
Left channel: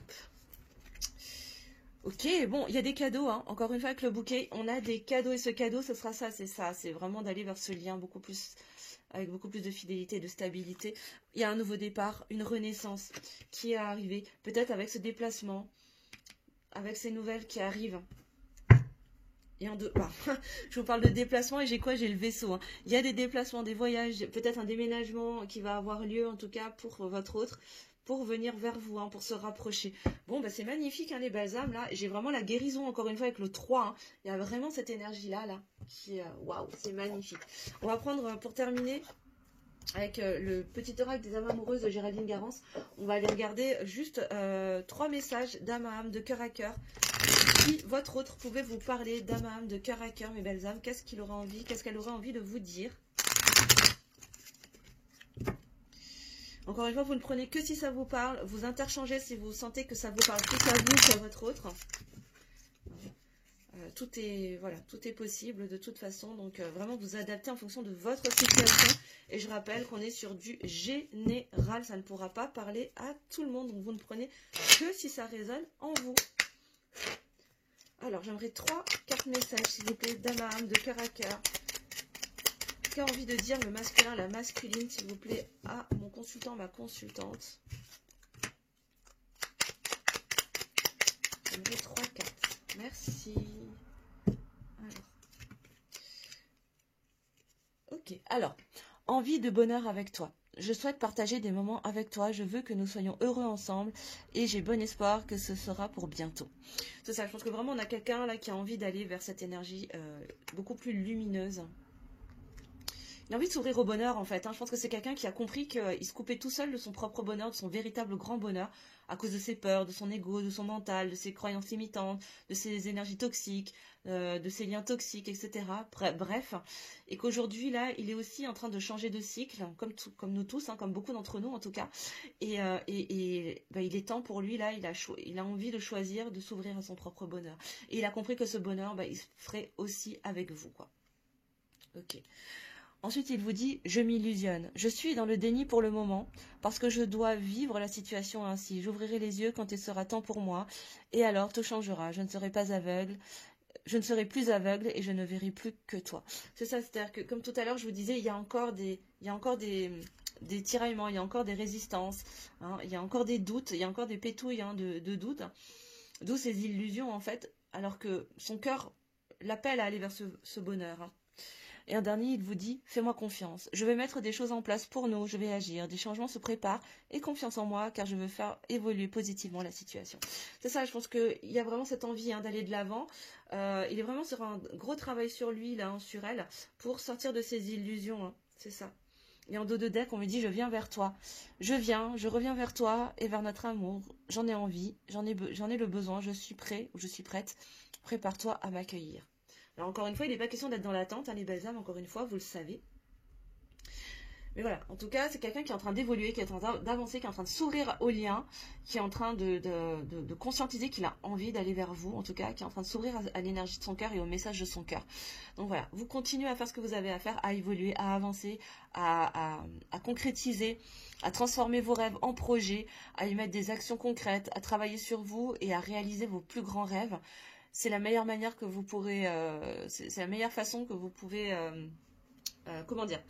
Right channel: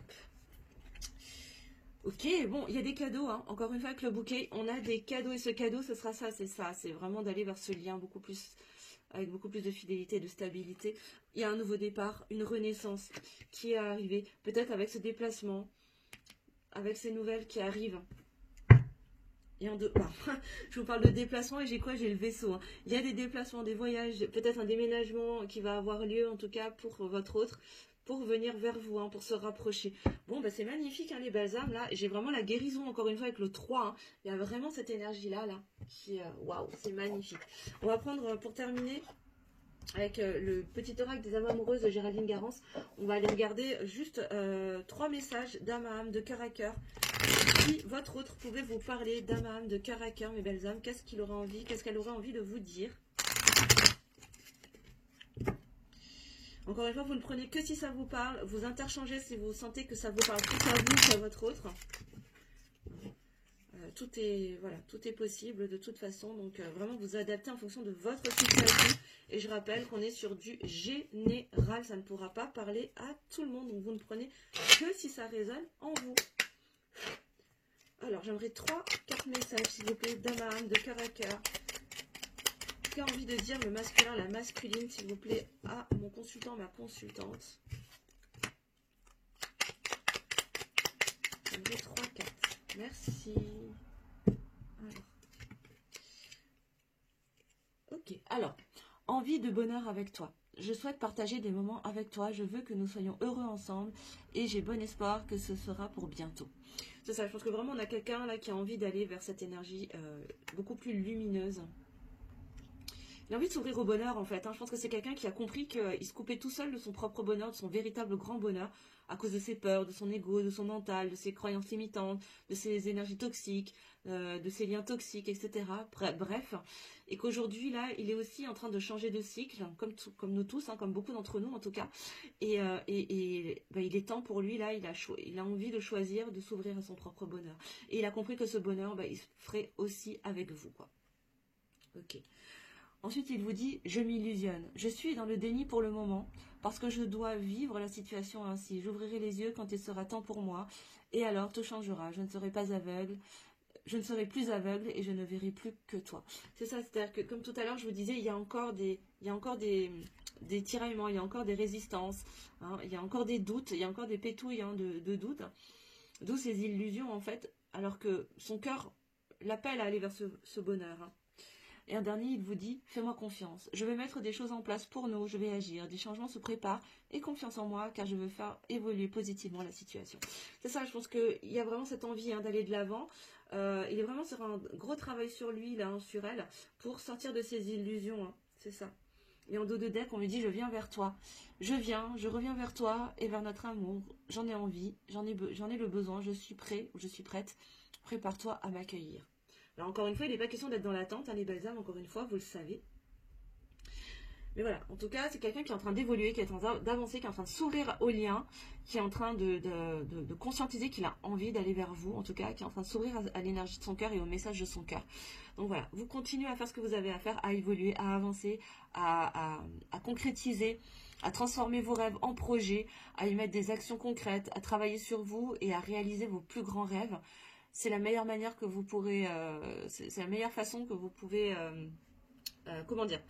Ok, bon, il y a des cadeaux, hein. Encore une fois avec le bouquet, on a des cadeaux et ce cadeau, ce sera ça, c'est vraiment d'aller vers ce lien beaucoup plus, avec beaucoup plus de fidélité, de stabilité. Il y a un nouveau départ, une renaissance qui est arrivée, peut-être avec ce déplacement, avec ces nouvelles qui arrivent. Et je vous parle de déplacement et j'ai quoi? J'ai le vaisseau. Hein. Il y a des déplacements, des voyages, peut-être un déménagement qui va avoir lieu en tout cas pour votre autre, pour venir vers vous, hein, pour se rapprocher. Bon, bah, c'est magnifique hein, les balsams là. J'ai vraiment la guérison encore une fois avec le 3. Hein. Il y a vraiment cette énergie là, qui est waouh, c'est magnifique. On va prendre pour terminer avec le petit oracle des âmes amoureuses de Géraldine Garance. On va aller regarder juste 3 messages d'âme à âme, de cœur à cœur. Si votre autre pouvait vous parler d'âme à âme, de cœur à cœur, mes belles âmes, qu'est-ce qu'elle aura envie de vous dire? Encore une fois, vous ne prenez que si ça vous parle. Vous interchangez si vous sentez que ça vous parle plus à vous qu'à votre autre. Tout est possible de toute façon. Donc, vraiment, vous adaptez en fonction de votre situation. Et je rappelle qu'on est sur du général. Ça ne pourra pas parler à tout le monde. Donc, vous ne prenez que si ça résonne en vous. Alors, j'aimerais 3 cartes messages, s'il vous plaît, d'âme à âme, de cœur à cœur. Qu'a envie de dire le masculin, la masculine, s'il vous plaît, à mon consultant, ma consultante. J'aimerais 3 cartes. Merci. Alors. Ok, alors, envie de bonheur avec toi. Je souhaite partager des moments avec toi. Je veux que nous soyons heureux ensemble et j'ai bon espoir que ce sera pour bientôt. C'est ça, je pense que vraiment on a quelqu'un là qui a envie d'aller vers cette énergie beaucoup plus lumineuse. Il a envie de s'ouvrir au bonheur en fait. Hein. Je pense que c'est quelqu'un qui a compris qu'il se coupait tout seul de son propre bonheur, de son véritable grand bonheur, à cause de ses peurs, de son ego, de son mental, de ses croyances limitantes, de ses énergies toxiques, de ses liens toxiques, etc. Bref, et qu'aujourd'hui là, il est aussi en train de changer de cycle, comme nous tous, hein, comme beaucoup d'entre nous en tout cas. Et il est temps pour lui là, il a envie de choisir de s'ouvrir à son propre bonheur. Et il a compris que ce bonheur, il se ferait aussi avec vous, quoi. Ok. Ensuite, il vous dit « Je m'illusionne. Je suis dans le déni pour le moment parce que je dois vivre la situation ainsi. J'ouvrirai les yeux quand il sera temps pour moi et alors tout changera. Je ne serai pas aveugle. Je ne serai plus aveugle et je ne verrai plus que toi. » C'est ça, c'est-à-dire que comme tout à l'heure, je vous disais, il y a encore des tiraillements, il y a encore des résistances, hein, il y a encore des doutes, il y a encore des pétouilles hein, de doutes. D'où ces illusions en fait, alors que son cœur l'appelle à aller vers ce bonheur. Hein. Et un dernier, il vous dit « Fais-moi confiance. Je vais mettre des choses en place pour nous, je vais agir. Des changements se préparent et confiance en moi car je veux faire évoluer positivement la situation. » C'est ça, je pense qu'il y a vraiment cette envie hein, d'aller de l'avant. Il est vraiment sur un gros travail sur lui, là, hein, sur elle, pour sortir de ses illusions. Hein. C'est ça. Et en dos de deck, on lui dit « Je viens vers toi. Je reviens vers toi et vers notre amour. J'en ai envie, j'en ai le besoin, je suis prêt ou je suis prête. Prépare-toi à m'accueillir. » Alors, encore une fois, il n'est pas question d'être dans l'attente, hein, les belles âmes, encore une fois, vous le savez. Mais voilà, en tout cas, c'est quelqu'un qui est en train d'évoluer, qui est en train d'avancer, qui est en train de s'ouvrir au lien, qui est en train de conscientiser qu'il a envie d'aller vers vous, en tout cas, qui est en train de s'ouvrir à l'énergie de son cœur et au message de son cœur. Donc voilà, vous continuez à faire ce que vous avez à faire, à évoluer, à avancer, à concrétiser, à transformer vos rêves en projets, à y mettre des actions concrètes, à travailler sur vous et à réaliser vos plus grands rêves. C'est la meilleure manière que vous pourrez, c'est la meilleure façon que vous pouvez, comment dire,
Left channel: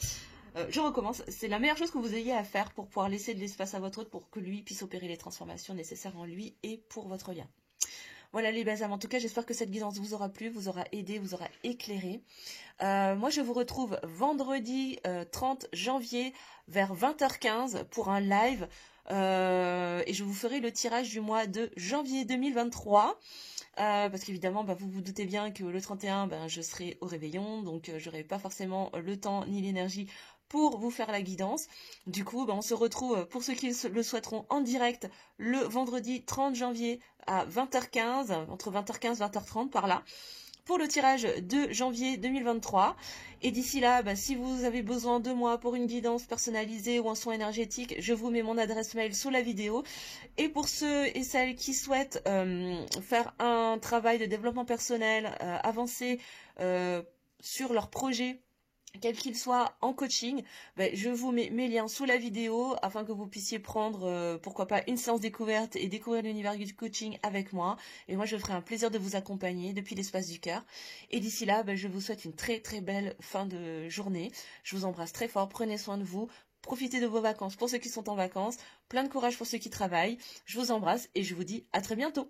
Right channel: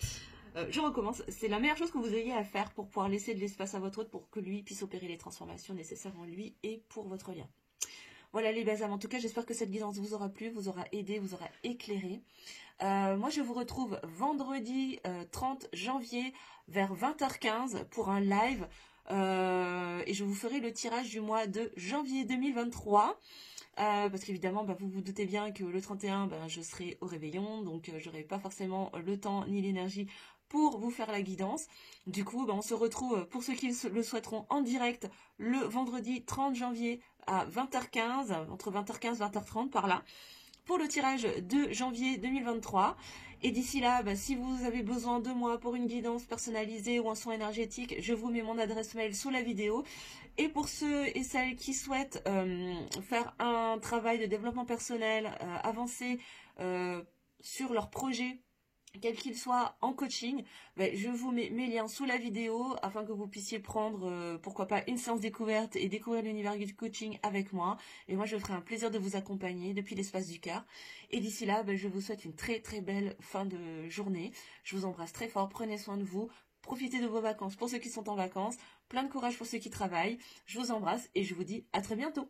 je recommence, c'est la meilleure chose que vous ayez à faire pour pouvoir laisser de l'espace à votre autre pour que lui puisse opérer les transformations nécessaires en lui et pour votre lien. Voilà les belles âmes, en tout cas j'espère que cette guidance vous aura plu, vous aura aidé, vous aura éclairé. Moi je vous retrouve vendredi 30 janvier vers 20h15 pour un live et je vous ferai le tirage du mois de janvier 2023. Parce qu'évidemment, vous vous doutez bien que le 31, je serai au réveillon, donc je n'aurai pas forcément le temps ni l'énergie pour vous faire la guidance. Du coup, on se retrouve, pour ceux qui le souhaiteront, en direct le vendredi 30 janvier à 20h15, entre 20h15 et 20h30 par là, pour le tirage de janvier 2023. Et d'ici là, si vous avez besoin de moi pour une guidance personnalisée ou un soin énergétique, je vous mets mon adresse mail sous la vidéo. Et pour ceux et celles qui souhaitent faire un travail de développement personnel avancé sur leur projet, quel qu'il soit, en coaching, je vous mets mes liens sous la vidéo afin que vous puissiez prendre, pourquoi pas, une séance découverte et découvrir l'univers du coaching avec moi. Et moi, je ferai un plaisir de vous accompagner depuis l'espace du cœur. Et d'ici là, je vous souhaite une très très belle fin de journée. Je vous embrasse très fort, prenez soin de vous. Profitez de vos vacances pour ceux qui sont en vacances. Plein de courage pour ceux qui travaillent. Je vous embrasse et je vous dis à très bientôt.